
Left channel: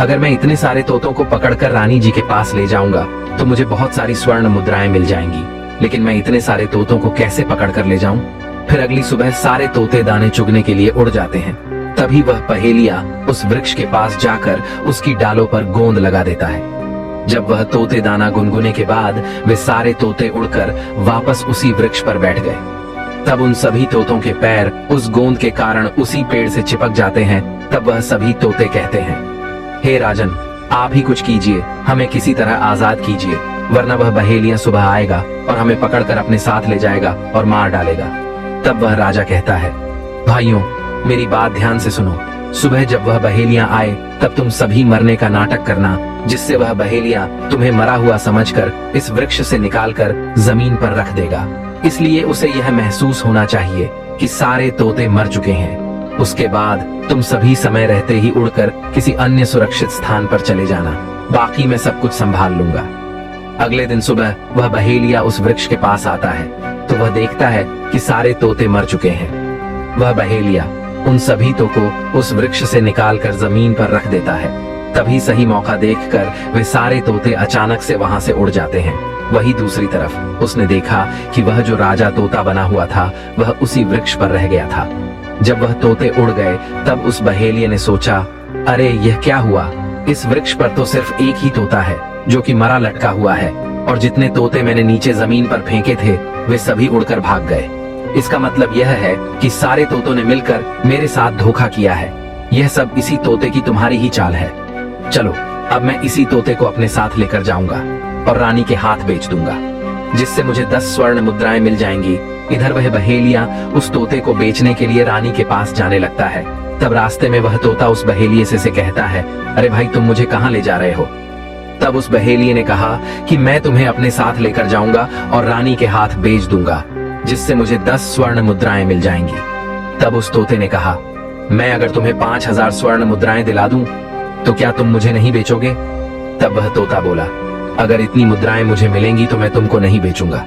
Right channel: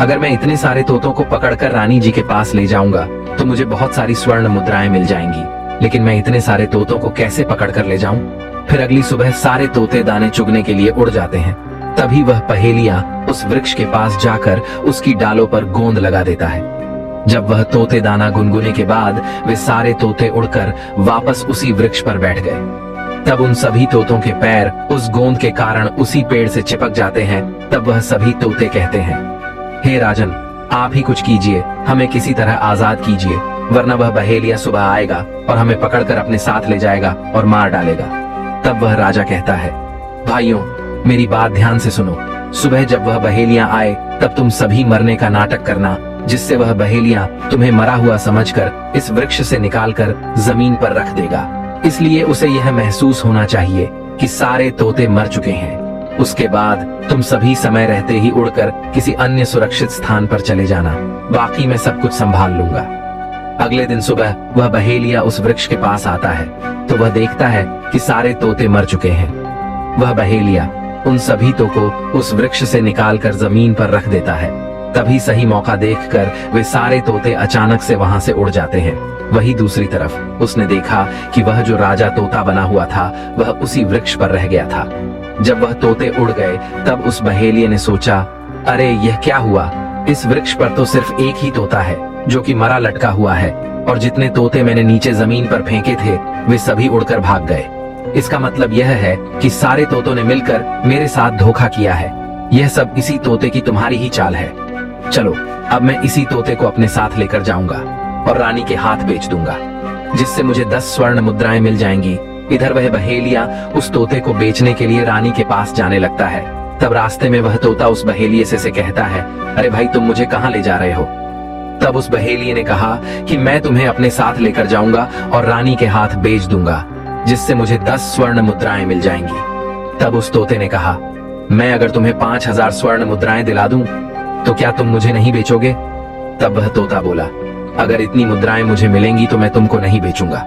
अगर मैं इतने सारे तोतों को पकड़कर रानी जी के पास ले जाऊंगा तो मुझे बहुत सारी स्वर्ण मुद्राएं मिल जाएंगी, लेकिन मैं इतने सारे तोतों को कैसे पकड़कर ले जाऊं? फिर अगली सुबह सारे तोते दाने चुगने के लिए उड़ जाते हैं। तभी वह पहेलिया उस वृक्ष के पास जाकर उसकी डालों पर गोंद लगा देता है। जब वह तोते दाना गुनगुने के बाद वे सारे तोते उड़कर वापस उसी वृक्ष पर बैठ गए। तब उन सभी तोतों के पैर उस गोंद के कारण उसी पेड़ से चिपक जाते हैं। तब वह सभी तोते कहते हैं, हे राजन, आप ही कुछ कीजिए, हमें किसी तरह आजाद कीजिए, वरना वह बहेलिया सुबह आएगा और हमें पकड़कर अपने साथ ले जाएगा और मार डालेगा। तब वह राजा कहता है, भाइयों, मेरी बात ध्यान से सुनो। सुबह जब वह बहेलिया आए तब तुम सभी मरने का नाटक करना, जिससे वह बहेलिया तुम्हें मरा हुआ समझकर इस वृक्ष से निकालकर जमीन पर रख देगा। इसलिए उसे यह महसूस होना चाहिए कि सारे तोते मर चुके हैं। उसके बाद तुम सभी समय रहते ही उड़कर किसी अन्य सुरक्षित स्थान पर चले जाना, बाकी मैं सब कुछ संभाल लूंगा। अगले दिन सुबह वह बहेलिया उस वृक्ष के पास आता है तो वह देखता है कि सारे तोते मर चुके हैं। वह बहेलिया उन सभी को उस वृक्ष से निकालकर जमीन पर रख देता है। तभी सही मौका देखकर वे सारे तोते अचानक से वहां से उड़ जाते हैं। वही दूसरी तरफ उसने देखा कि वह जो राजा तोता बना हुआ था वह उसी वृक्ष पर रह गया था। जब वह तोते उड़ गए तब उस बहेलिये ने सोचा, अरे यह क्या हुआ? इस वृक्ष पर तो सिर्फ एक ही तोता है जो कि मरा लटका हुआ है और जितने तोते मैंने नीचे जमीन पर फेंके थे वे सभी उड़कर भाग गए। इसका मतलब यह है कि सारे तोतों ने मिलकर मेरे साथ धोखा किया है। यह सब इसी तोते की तुम्हारी ही चाल है। चलो, अब मैं इसी तोते को अपने साथ लेकर जाऊंगा और रानी के हाथ बेच दूंगा, जिससे मुझे 10 स्वर्ण मुद्राएं मिल जाएंगी। इधर वह बहेलिया उस तोते को बेचने के लिए रानी के पास जाने लगता है। तब रास्ते में वह तोता उस बहेलिये से कहता है, अरे भाई, तुम मुझे कहाँ ले जा रहे हो? तब उस बहेलिये ने कहा कि मैं तुम्हें अपने साथ लेकर जाऊंगा और रानी के हाथ बेच दूंगा, जिससे मुझे 10 स्वर्ण मुद्राएं मिल जाएंगी। तब उस तोते ने कहा, मैं अगर तुम्हें 5000 स्वर्ण मुद्राएं दिला दूं तो क्या तुम मुझे नहीं बेचोगे? तब वह तोता बोला, अगर इतनी मुद्राएं मुझे मिलेंगी तो मैं तुमको नहीं बेचूंगा।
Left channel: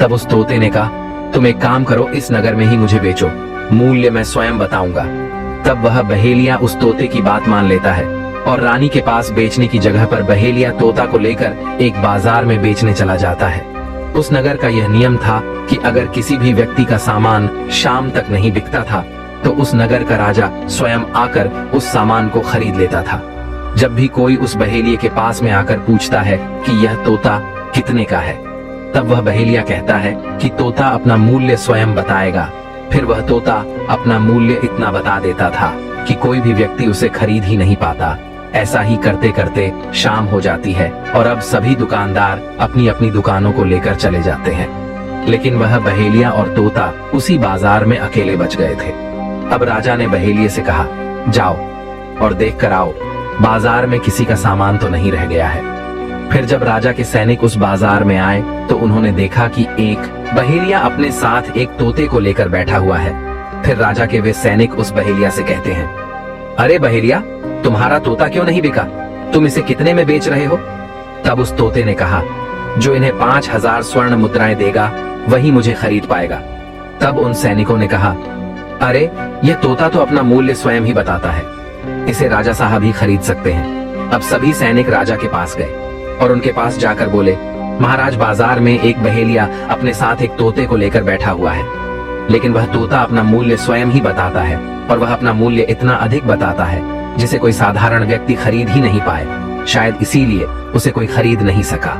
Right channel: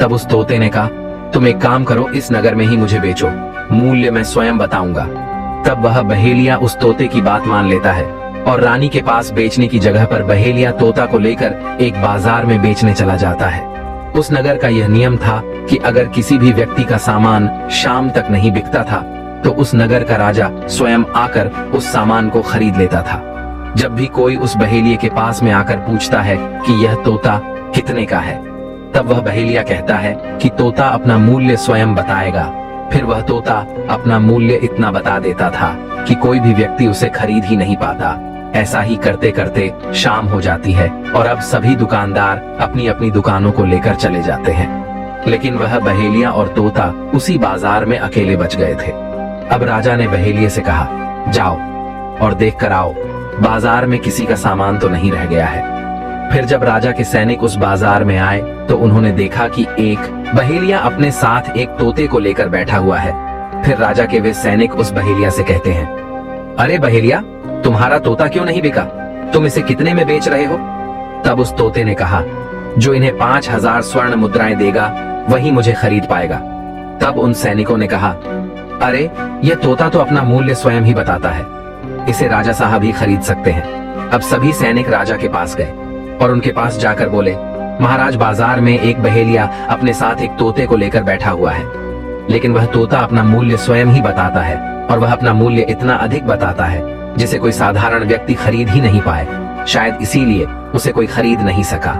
तब उस तोते ने कहा, तुम एक काम करो, इस नगर में ही मुझे बेचो, मूल्य मैं स्वयं बताऊंगा। तब वह बहेलिया उस तोते की बात मान लेता है और रानी के पास बेचने की जगह पर बहेलिया तोता को लेकर एक बाजार में बेचने चला जाता है। उस नगर का यह नियम था कि अगर किसी भी व्यक्ति का सामान शाम तक नहीं बिकता था तो उस नगर का राजा स्वयं आकर उस सामान को खरीद लेता था। जब भी कोई उस बहेलिये के पास में आकर पूछता है कि यह तोता कितने का है, तब वह बहेलिया कहता है कि तोता अपना मूल्य स्वयं बताएगा। फिर वह तोता अपना मूल्य इतना बता देता था कि कोई भी व्यक्ति उसे खरीद ही नहीं पाता। ऐसा ही करते करते शाम हो जाती है और अब सभी दुकानदार अपनी अपनी दुकानों को लेकर चले जाते हैं, लेकिन वह बहेलिया और तोता उसी बाजार में अकेले बच गए थे। अब राजा ने बहेलिये से कहा, जाओ और देख कर आओ, बाजार में किसी का सामान तो नहीं रह गया है। फिर जब राजा के सैनिक उस बाजार में आए तो उन्होंने देखा कि एक बहेलिया अपने साथ एक तोते को लेकर बैठा हुआ है। फिर राजा के वे सैनिक उस बहेलिया से कहते हैं, अरे बहेलिया, तुम्हारा तोता क्यों नहीं बिका? तुम इसे कितने में बेच रहे हो? तब उस तोते ने कहा, जो इन्हें 5000 स्वर्ण मुद्राएं देगा वही मुझे खरीद पाएगा। तब उन सैनिकों ने कहा, अरे यह तोता तो अपना मूल्य स्वयं ही बताता है, इसे राजा साहब ही खरीद सकते हैं। अब सभी सैनिक राजा के पास गए और उनके पास जाकर बोले, महाराज, बाजार में एक बहेलिया अपने साथ एक तोते को लेकर बैठा हुआ है, लेकिन वह तोता अपना मूल्य स्वयं ही बताता है और वह अपना मूल्य इतना अधिक बताता है जिसे कोई साधारण व्यक्ति खरीद ही नहीं पाए। शायद इसीलिए उसे कोई खरीद नहीं सका।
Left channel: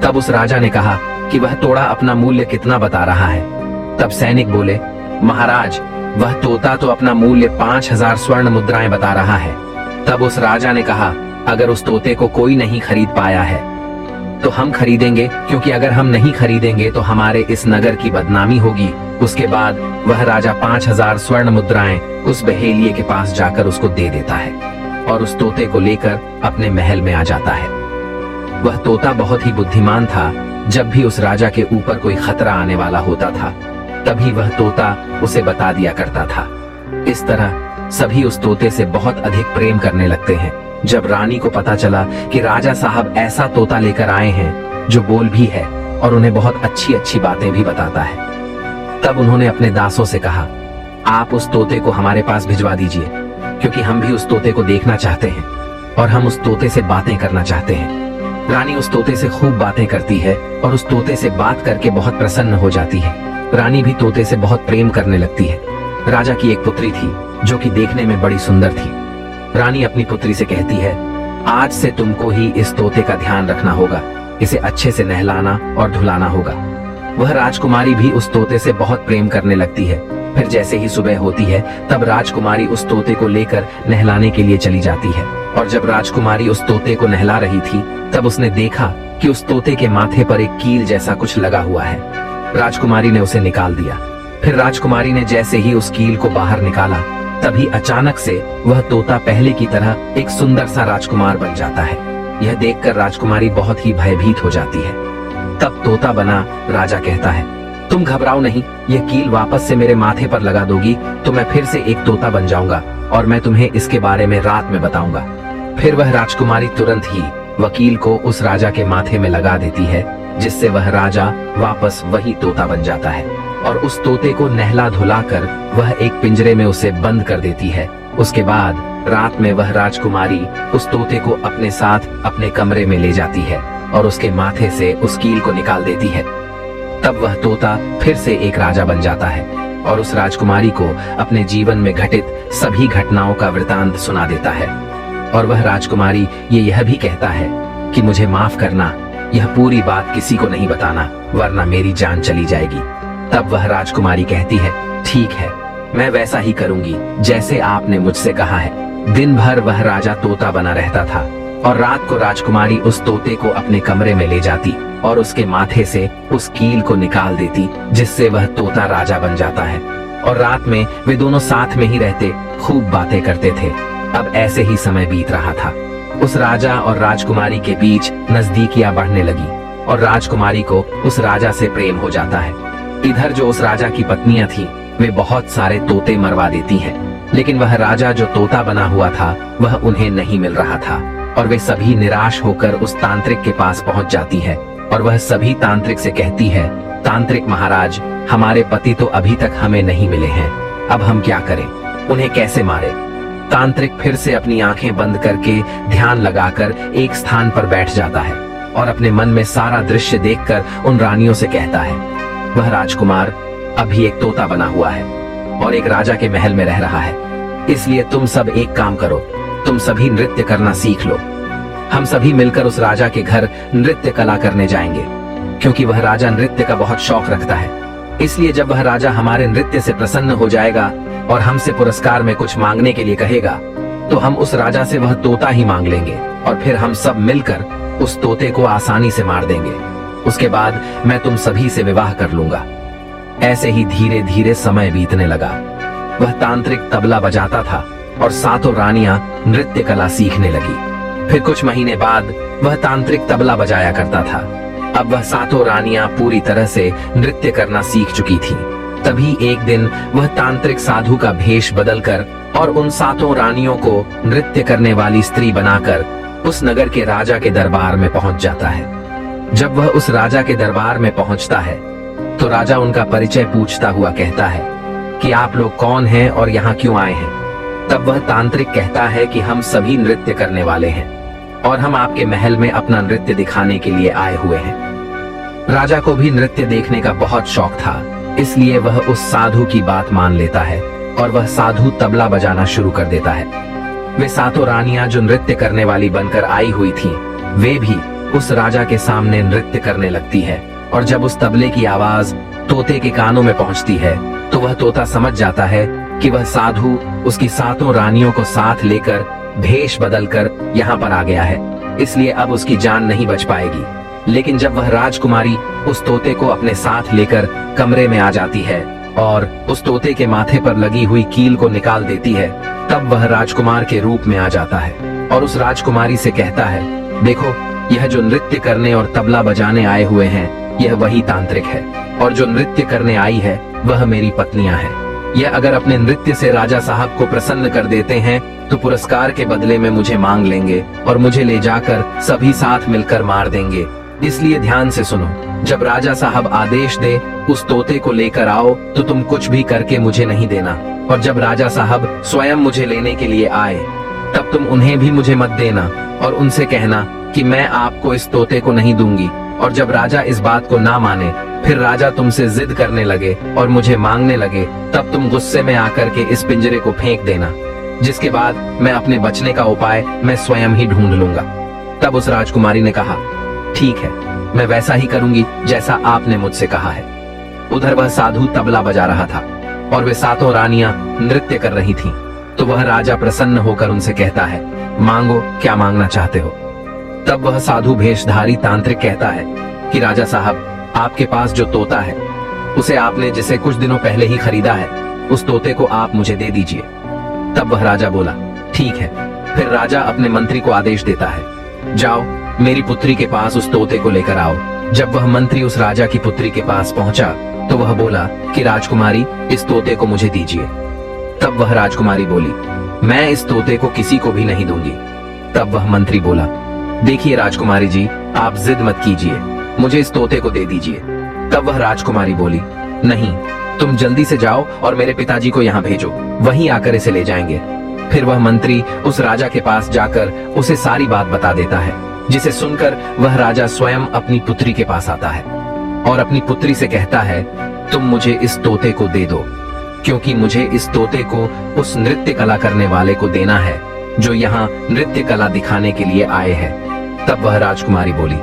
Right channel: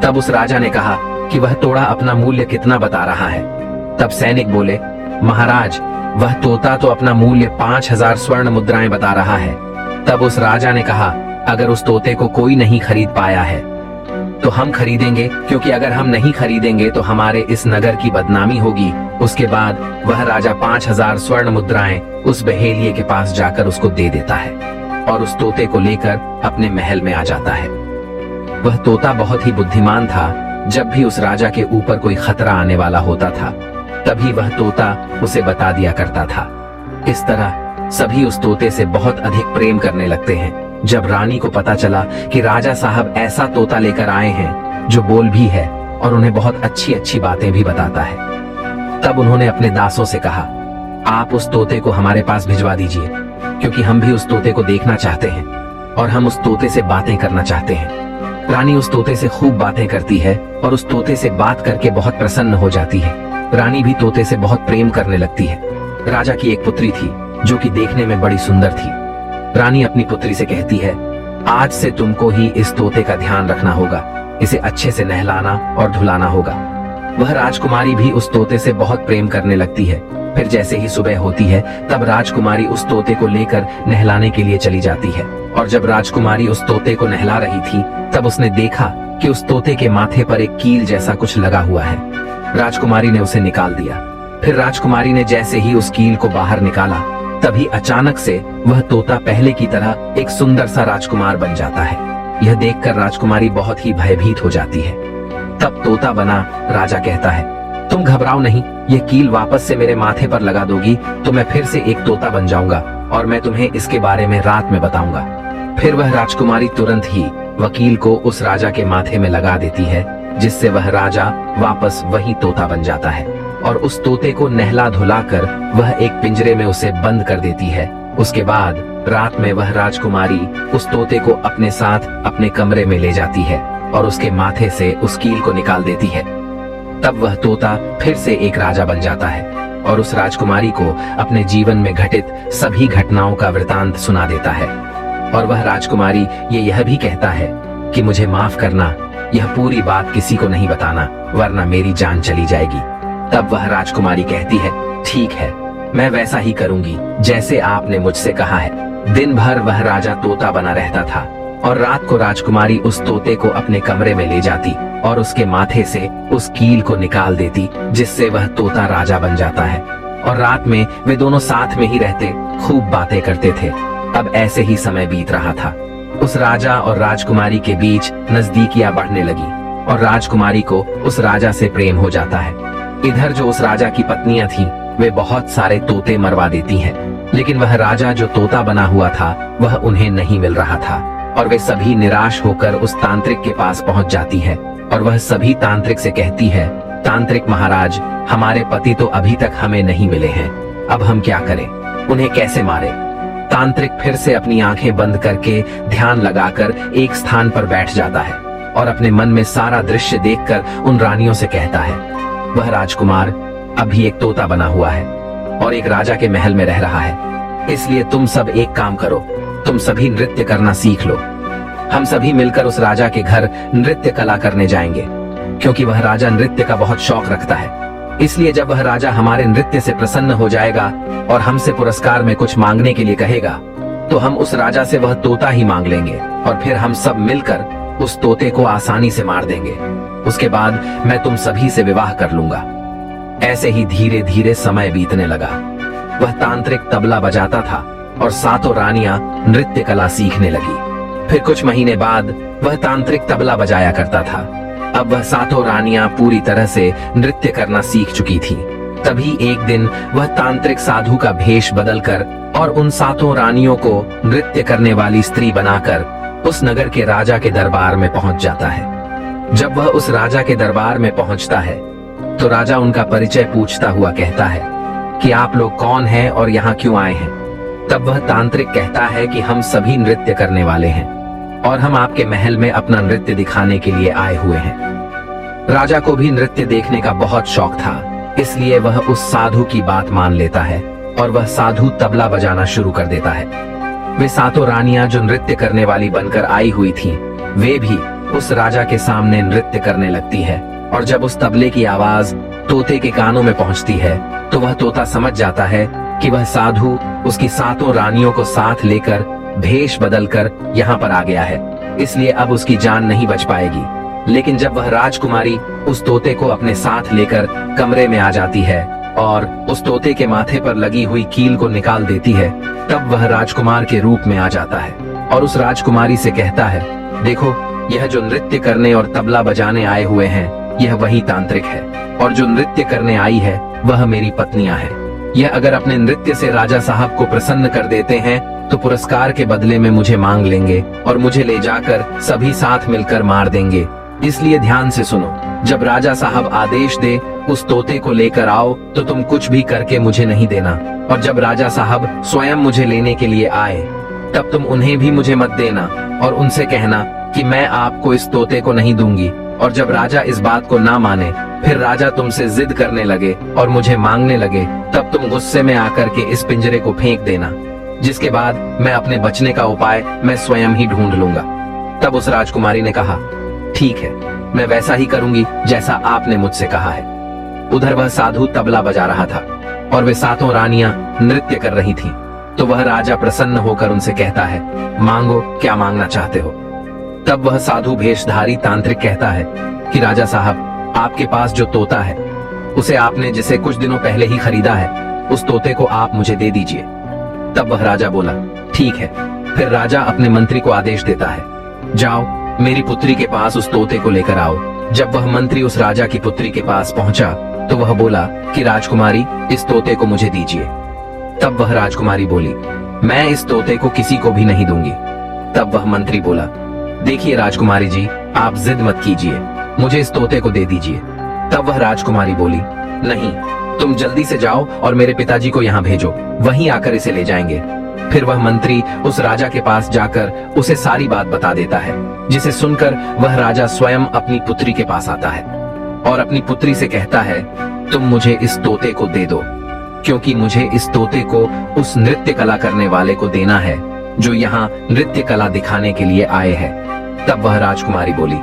तब उस राजा ने कहा कि वह तोड़ा अपना मूल्य कितना बता रहा है। तब सैनिक बोले, महाराज, वह तोता तो अपना मूल्य 5000 स्वर्ण मुद्राएं बता रहा है। तब उस राजा ने कहा, अगर उस तोते को कोई नहीं खरीद पाया है तो हम खरीदेंगे, क्योंकि अगर हम नहीं खरीदेंगे तो हमारे इस नगर की बदनामी होगी। उसके बाद वह राजा 5000 स्वर्ण मुद्राएं उस बहेलिये के पास जाकर उसको दे देता है और उस तोते को लेकर अपने महल में आ जाता है। वह तोता बहुत ही बुद्धिमान था। जब भी उस राजा के ऊपर कोई खतरा आने वाला होता था, तभी वह तोता उसे बता दिया करता था। इस तरह सभी उस तोते से बहुत अधिक प्रेम करने लगते हैं। जब रानी को पता चला कि राजा साहब ऐसा तोता लेकर आए हैं जो बोल भी है और उन्हें बहुत अच्छी अच्छी बातें भी बताता है, तब उन्होंने अपने दासों से कहा, आप उस तोते को हमारे पास भिजवा दीजिए, क्योंकि हम भी उस तोते को देखना चाहते हैं और हम उस तोते से बातें करना चाहते हैं। रानी उस तोते से खूब बातें करती है और उस तोते से बात करके बहुत प्रसन्न हो जाती है। रानी भी तोते से बहुत प्रेम करने लगती है। राजा की एक पुत्री थी जो कि देखने में बड़ी सुंदर थी। रानी अपनी पुत्री से कहती है, आज से तुमको ही इस तोते का ध्यान रखना होगा, इसे अच्छे से नहलाना और धुलाना होगा। वह राजकुमारी भी उस तोते से बहुत प्रेम करने लगती है। फिर जैसे ही सुबह होती है, तब राजकुमारी उस तोते को लेकर नहलाने के लिए चली जाती है। और जब राजकुमारी उस तोते को नहला रही थी, तब उसने देखा कि उस तोते के माथे पर एक कील जैसा कुछ लगा हुआ है। राजकुमारी ने उसे निकाल दिया। फिर राजकुमारी ने जैसे ही उस कील को बाहर निकाला, तभी अचानक से वह तोता पहले की तरह एक सुंदर सा राजकुमार बन जाता है। यह देखकर राजकुमारी बहुत ही भयभीत हो जाती है। तब तोता बना राजा कहता है, तुम घबराओ नहीं, यह कील वापस से मेरे माथे पर लगा दोगी तो मैं फिर से एक तोता बन जाऊंगा और मैं तुम्हें इसके बारे में रात में बताऊंगा। फिर वह राजकुमारी तुरंत ही वकील को उस राजा के माथे में लगा देती है, जिससे वह राजा वापस वही तोता बन जाता है और उस तोते को नहला धुलाकर वह एक पिंजरे में उसे बंद कर देती है। उसके बाद रात में वह राजकुमारी उस तोते को अपने साथ अपने कमरे में ले जाती है और उसके माथे से उस कील को निकाल देती है। तब वह तोता फिर से एक राजा बन जाता है और उस राजकुमारी को अपने जीवन में घटित सभी घटनाओं का वृतांत सुना देता है। और वह राजकुमारी यह भी कहता है कि मुझे माफ करना, यह पूरी बात किसी को नहीं बताना, वरना मेरी जान चली जाएगी। तब वह राजकुमारी कहती है, ठीक है, मैं वैसा ही करूंगी जैसे आपने मुझसे कहा है। दिन भर वह राजा तोता बना रहता था और रात को राजकुमारी उस तोते को अपने कमरे में ले जाती और उसके माथे से उस कील को निकाल देती, जिससे वह तोता राजा बन जाता है। और रात में वे दोनों साथ में ही रहते, खूब बातें करते थे। अब ऐसे ही समय बीत रहा था। उस राजा और राजकुमारी के बीच नजदीकियां बढ़ने लगी और राजकुमारी को उस राजा से प्रेम हो जाता है। इधर जो उस राजा की पत्नियां थीं, वे बहुत सारे तोते मरवा देती हैं, लेकिन वह राजा जो तोता बना हुआ था वह उन्हें नहीं मिल रहा था और वे सभी निराश होकर उस तांत्रिक के पास पहुंच जाती है और वह सभी तांत्रिक से कहती है, तांत्रिक महाराज, हमारे पति तो अभी तक हमें नहीं मिले हैं, अब हम क्या करें, उन्हें कैसे मारे। तांत्रिक फिर से अपनी आंखें बंद करके ध्यान लगाकर एक स्थान पर बैठ जाता है और अपने मन में सारा दृश्य देखकर उन रानियों से कहता है, वह राजकुमार अभी एक तोता बना हुआ है और एक राजा के महल में रह रहा है, इसलिए तुम सब एक काम करो, तुम सभी नृत्य करना सीख लो। हम सभी मिलकर उस राजा के घर नृत्य कला करने जाएंगे, क्योंकि वह राजा नृत्य का बहुत शौक रखता है। इसलिए जब वह राजा हमारे नृत्य से प्रसन्न हो जाएगा और हमसे पुरस्कार में कुछ मांगने के लिए कहेगा, तो हम उस राजा से वह तोता ही मांग लेंगे और फिर हम सब मिलकर उस तोते को आसानी से मार देंगे। उसके बाद मैं तुम सभी से विवाह कर लूंगा। ऐसे ही धीरे धीरे समय बीतने लगा। वह तांत्रिक तबला बजाता था और सातों रानियां नृत्य कला सीखने लगी। फिर कुछ महीने बाद वह तांत्रिक तबला बजाया करता था। अब वह सातों रानियां पूरी तरह से नृत्य करना सीख चुकी थी। तभी एक दिन वह तांत्रिक साधु का भेष बदलकर और उन सातों रानियों को नृत्य करने वाली स्त्री बनाकर उस नगर के राजा के दरबार में पहुंच जाता है। जब वह उस राजा के दरबार में पहुंचता है, तो राजा उनका परिचय पूछता हुआ कहता है कि आप लोग कौन हैं और यहाँ क्यों आए हैं। तब वह तांत्रिक कहता है कि हम सभी नृत्य करने वाले हैं और हम आपके महल में अपना नृत्य दिखाने के लिए आए हुए हैं। राजा को भी नृत्य देखने का बहुत शौक था, इसलिए वह उस साधु की बात मान लेता है और वह साधु तबला बजाना शुरू कर देता है। वे सातों रानियां जो नृत्य करने वाली बनकर आई हुई थीं, वे भी उस राजा के सामने नृत्य करने लगती है और जब उस तबले की आवाज तोते के कानों में पहुंचती है तो वह तोता समझ जाता है कि वह साधु उसकी 7 रानियों को साथ लेकर भेष बदलकर यहाँ पर आ गया है, इसलिए अब उसकी जान नहीं बच पाएगी। लेकिन जब वह राजकुमारी उस तोते को अपने साथ लेकर कमरे में आ जाती है और उस तोते के माथे पर लगी हुई कील को निकाल देती है, तब वह राजकुमार के रूप में आ जाता है और उस राजकुमारी से कहता है, देखो यह जो नृत्य करने और तबला बजाने आए हुए हैं यह वही तांत्रिक है, और जो नृत्य करने आई है वह मेरी पत्नियां हैं। यह अगर अपने नृत्य से राजा साहब को प्रसन्न कर देते हैं तो पुरस्कार के बदले में मुझे मांग लेंगे और मुझे ले जाकर सभी साथ मिलकर मार देंगे। इसलिए ध्यान से सुनो, जब राजा साहब आदेश दे उस तोते को लेकर आओ तो तुम कुछ भी करके मुझे नहीं देना, और जब राजा साहब स्वयं मुझे लेने के लिए आए तब तुम उन्हें भी मुझे मत देना और उनसे कहना कि मैं आपको इस तोते को नहीं दूंगी। और जब राजा इस बात को ना माने, फिर राजा तुमसे जिद करने लगे और मुझे मांगने लगे, तब तुम गुस्से में आकर के इस पिंजरे को फेंक देना, जिसके बाद मैं अपने बचने का उपाय मैं स्वयं ही ढूंढ लूंगा। तब उस राजकुमारी ने कहा, ठीक है, मैं वैसा ही करूंगी जैसा आपने मुझसे कहा है। उधर वह साधु तबला बजा रहा था और वे 7 रानियां नृत्य कर रही थीं। तो वह राजा प्रसन्न होकर उनसे कहता है, मांगो, क्या मांगना चाहते हो। तब वह साधु भेषधारी तांत्रिक कहता है कि राजा साहब, आपके पास जो तोता है उसे आपने जिसे कुछ दिनों पहले ही खरीदा है, उस तोते को आप मुझे दे दीजिए। तब वह राजा बोला, ठीक है। फिर राजा अपने मंत्री को आदेश देता है, जाओ मेरी पुत्री के पास उस तोते को लेकर आओ। जब वह मंत्री उस राजा की पुत्री के पास पहुंचा तो वह बोला कि राजकुमारी, इस तोते को मुझे दीजिए। तब वह राजकुमारी बोली, मैं इस तोते को किसी को भी नहीं दूंगी। तब वह मंत्री बोला, देखिए राजकुमारी जी, आप जिद मत कीजिए, मुझे इस तोते को दे दीजिए। तब वह राजकुमारी बोली, नहीं, तुम जल्दी से जाओ और मेरे पिताजी को यहाँ भेजो, वहीं आकर इसे ले जाएंगे। फिर वह मंत्री उस राजा के पास जाकर उसे सारी बात बता देता है, जिसे सुनकर वह राजा स्वयं अपनी पुत्री के पास आता है और अपनी पुत्री से कहता है, तुम मुझे इस तोते को दे दो, क्योंकि मुझे इस तोते को उस नृत्य कला करने वाले को देना है जो यहाँ नृत्य कला दिखाने के लिए आए हैं। तब वह राजकुमारी बोली,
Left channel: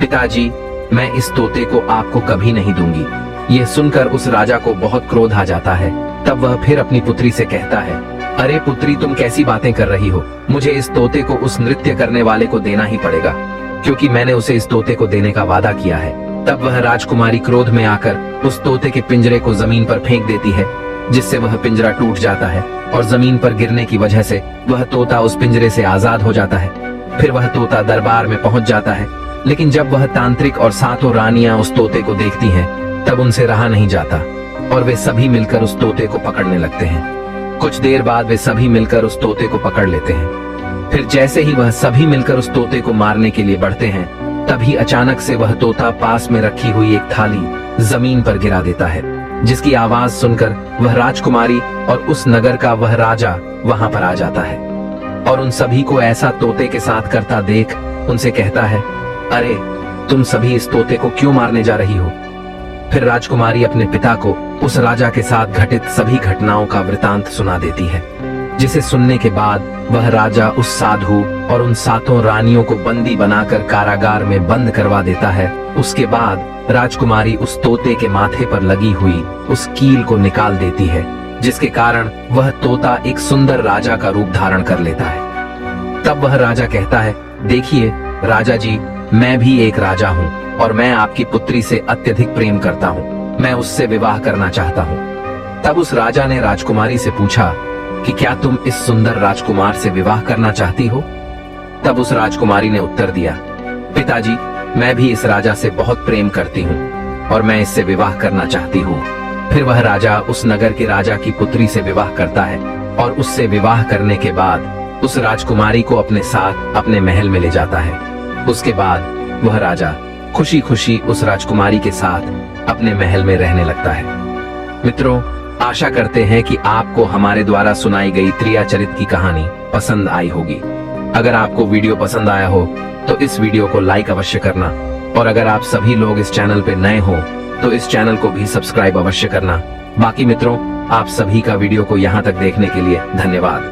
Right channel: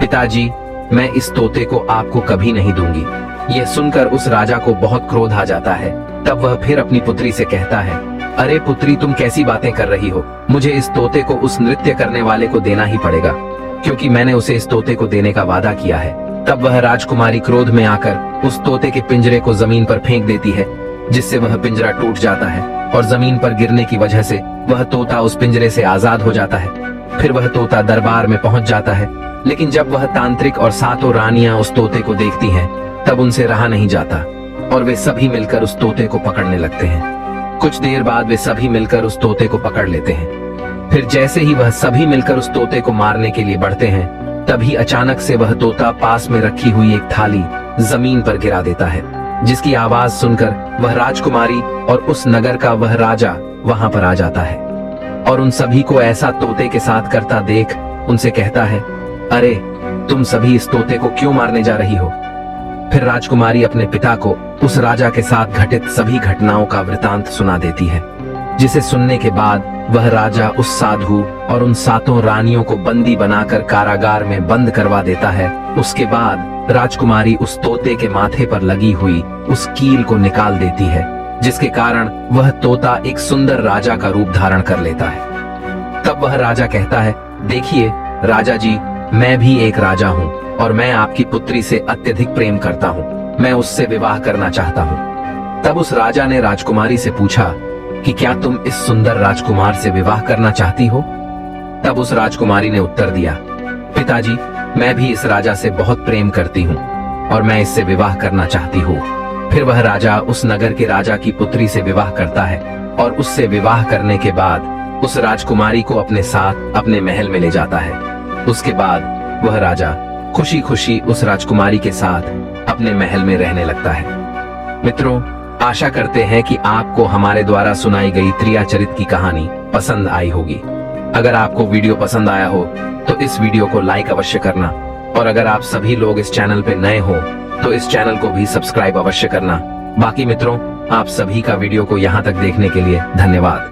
पिताजी, मैं इस तोते को आपको कभी नहीं दूंगी। यह सुनकर उस राजा को बहुत क्रोध आ जाता है। तब वह फिर अपनी पुत्री से कहता है, अरे पुत्री, तुम कैसी बातें कर रही हो, मुझे इस तोते को उस नृत्य करने वाले को देना ही पड़ेगा, क्योंकि मैंने उसे इस तोते को देने का वादा किया है। तब वह राजकुमारी क्रोध में आकर उस तोते के पिंजरे को जमीन पर फेंक देती है, जिससे वह पिंजरा टूट जाता है और जमीन पर गिरने की वजह से वह तोता उस पिंजरे से आजाद हो जाता है। फिर वह तोता दरबार में पहुंच जाता है, लेकिन जब वह तांत्रिक और 7 रानियां उस तोते को देखती हैं, तब उनसे रहा नहीं जाता और वे सभी मिलकर उस तोते को पकड़ने लगते हैं। कुछ देर बाद वे सभी मिलकर उस तोते को पकड़ लेते हैं। फिर जैसे ही वह सभी मिलकर उस तोते को मारने के लिए बढ़ते हैं, तभी अचानक से वह तोता पास में रखी हुई एक थाली जमीन पर गिरा देता है, जिसकी आवाज सुनकर वह राजकुमारी और उस नगर का वह राजा वहां पर आ जाता है और उन सभी को ऐसा तोते के साथ करता देख उनसे कहता है, अरे तुम सभी इस तोते को क्यों मारने जा रही हो। फिर राजकुमारी अपने पिता को उस राजा के साथ घटित सभी घटनाओं का वृतांत सुना देती है, जिसे सुनने के बाद वह राजा उस साधु और उन 7 रानियों को बंदी बनाकर कारागार में बंद करवा देता है। उसके बाद राजकुमारी उस तोते के माथे पर लगी हुई उस कील को निकाल देती है, जिसके कारण वह तोता एक सुंदर राजा का रूप धारण कर लेता है। तब वह राजा कहता है, देखिए राजा जी, मैं भी एक राजा हूँ और मैं आपकी पुत्री से अत्यधिक प्रेम करता हूँ, मैं उससे विवाह करना चाहता हूँ। तब उस राजा ने राजकुमारी से पूछा कि क्या तुम इस सुंदर राजकुमार से विवाह करना चाहती हो। तब उस राजकुमारी ने उत्तर दिया, पिताजी, मैं भी इस राजा से बहुत प्रेम करती हूँ और मैं इससे विवाह करना चाहती हूँ। फिर वह राजा उस नगर के राजा की पुत्री से विवाह करता है और उससे विवाह करने के बाद उस राजकुमारी को अपने साथ अपने महल में ले जाता है। उसके बाद वह राजा खुशी खुशी उस राजकुमारी के साथ अपने महल में रहने लगता है। मित्रों, आशा करते हैं कि आपको हमारे द्वारा सुनाई गई त्रियाचरित की कहानी पसंद आई होगी। अगर आपको वीडियो पसंद आया हो तो इस वीडियो को लाइक अवश्य करना, और अगर आप सभी लोग इस चैनल पे नए हो तो इस चैनल को भी सब्सक्राइब अवश्य करना। बाकी मित्रों, आप सभी का वीडियो को यहाँ तक देखने के लिए धन्यवाद।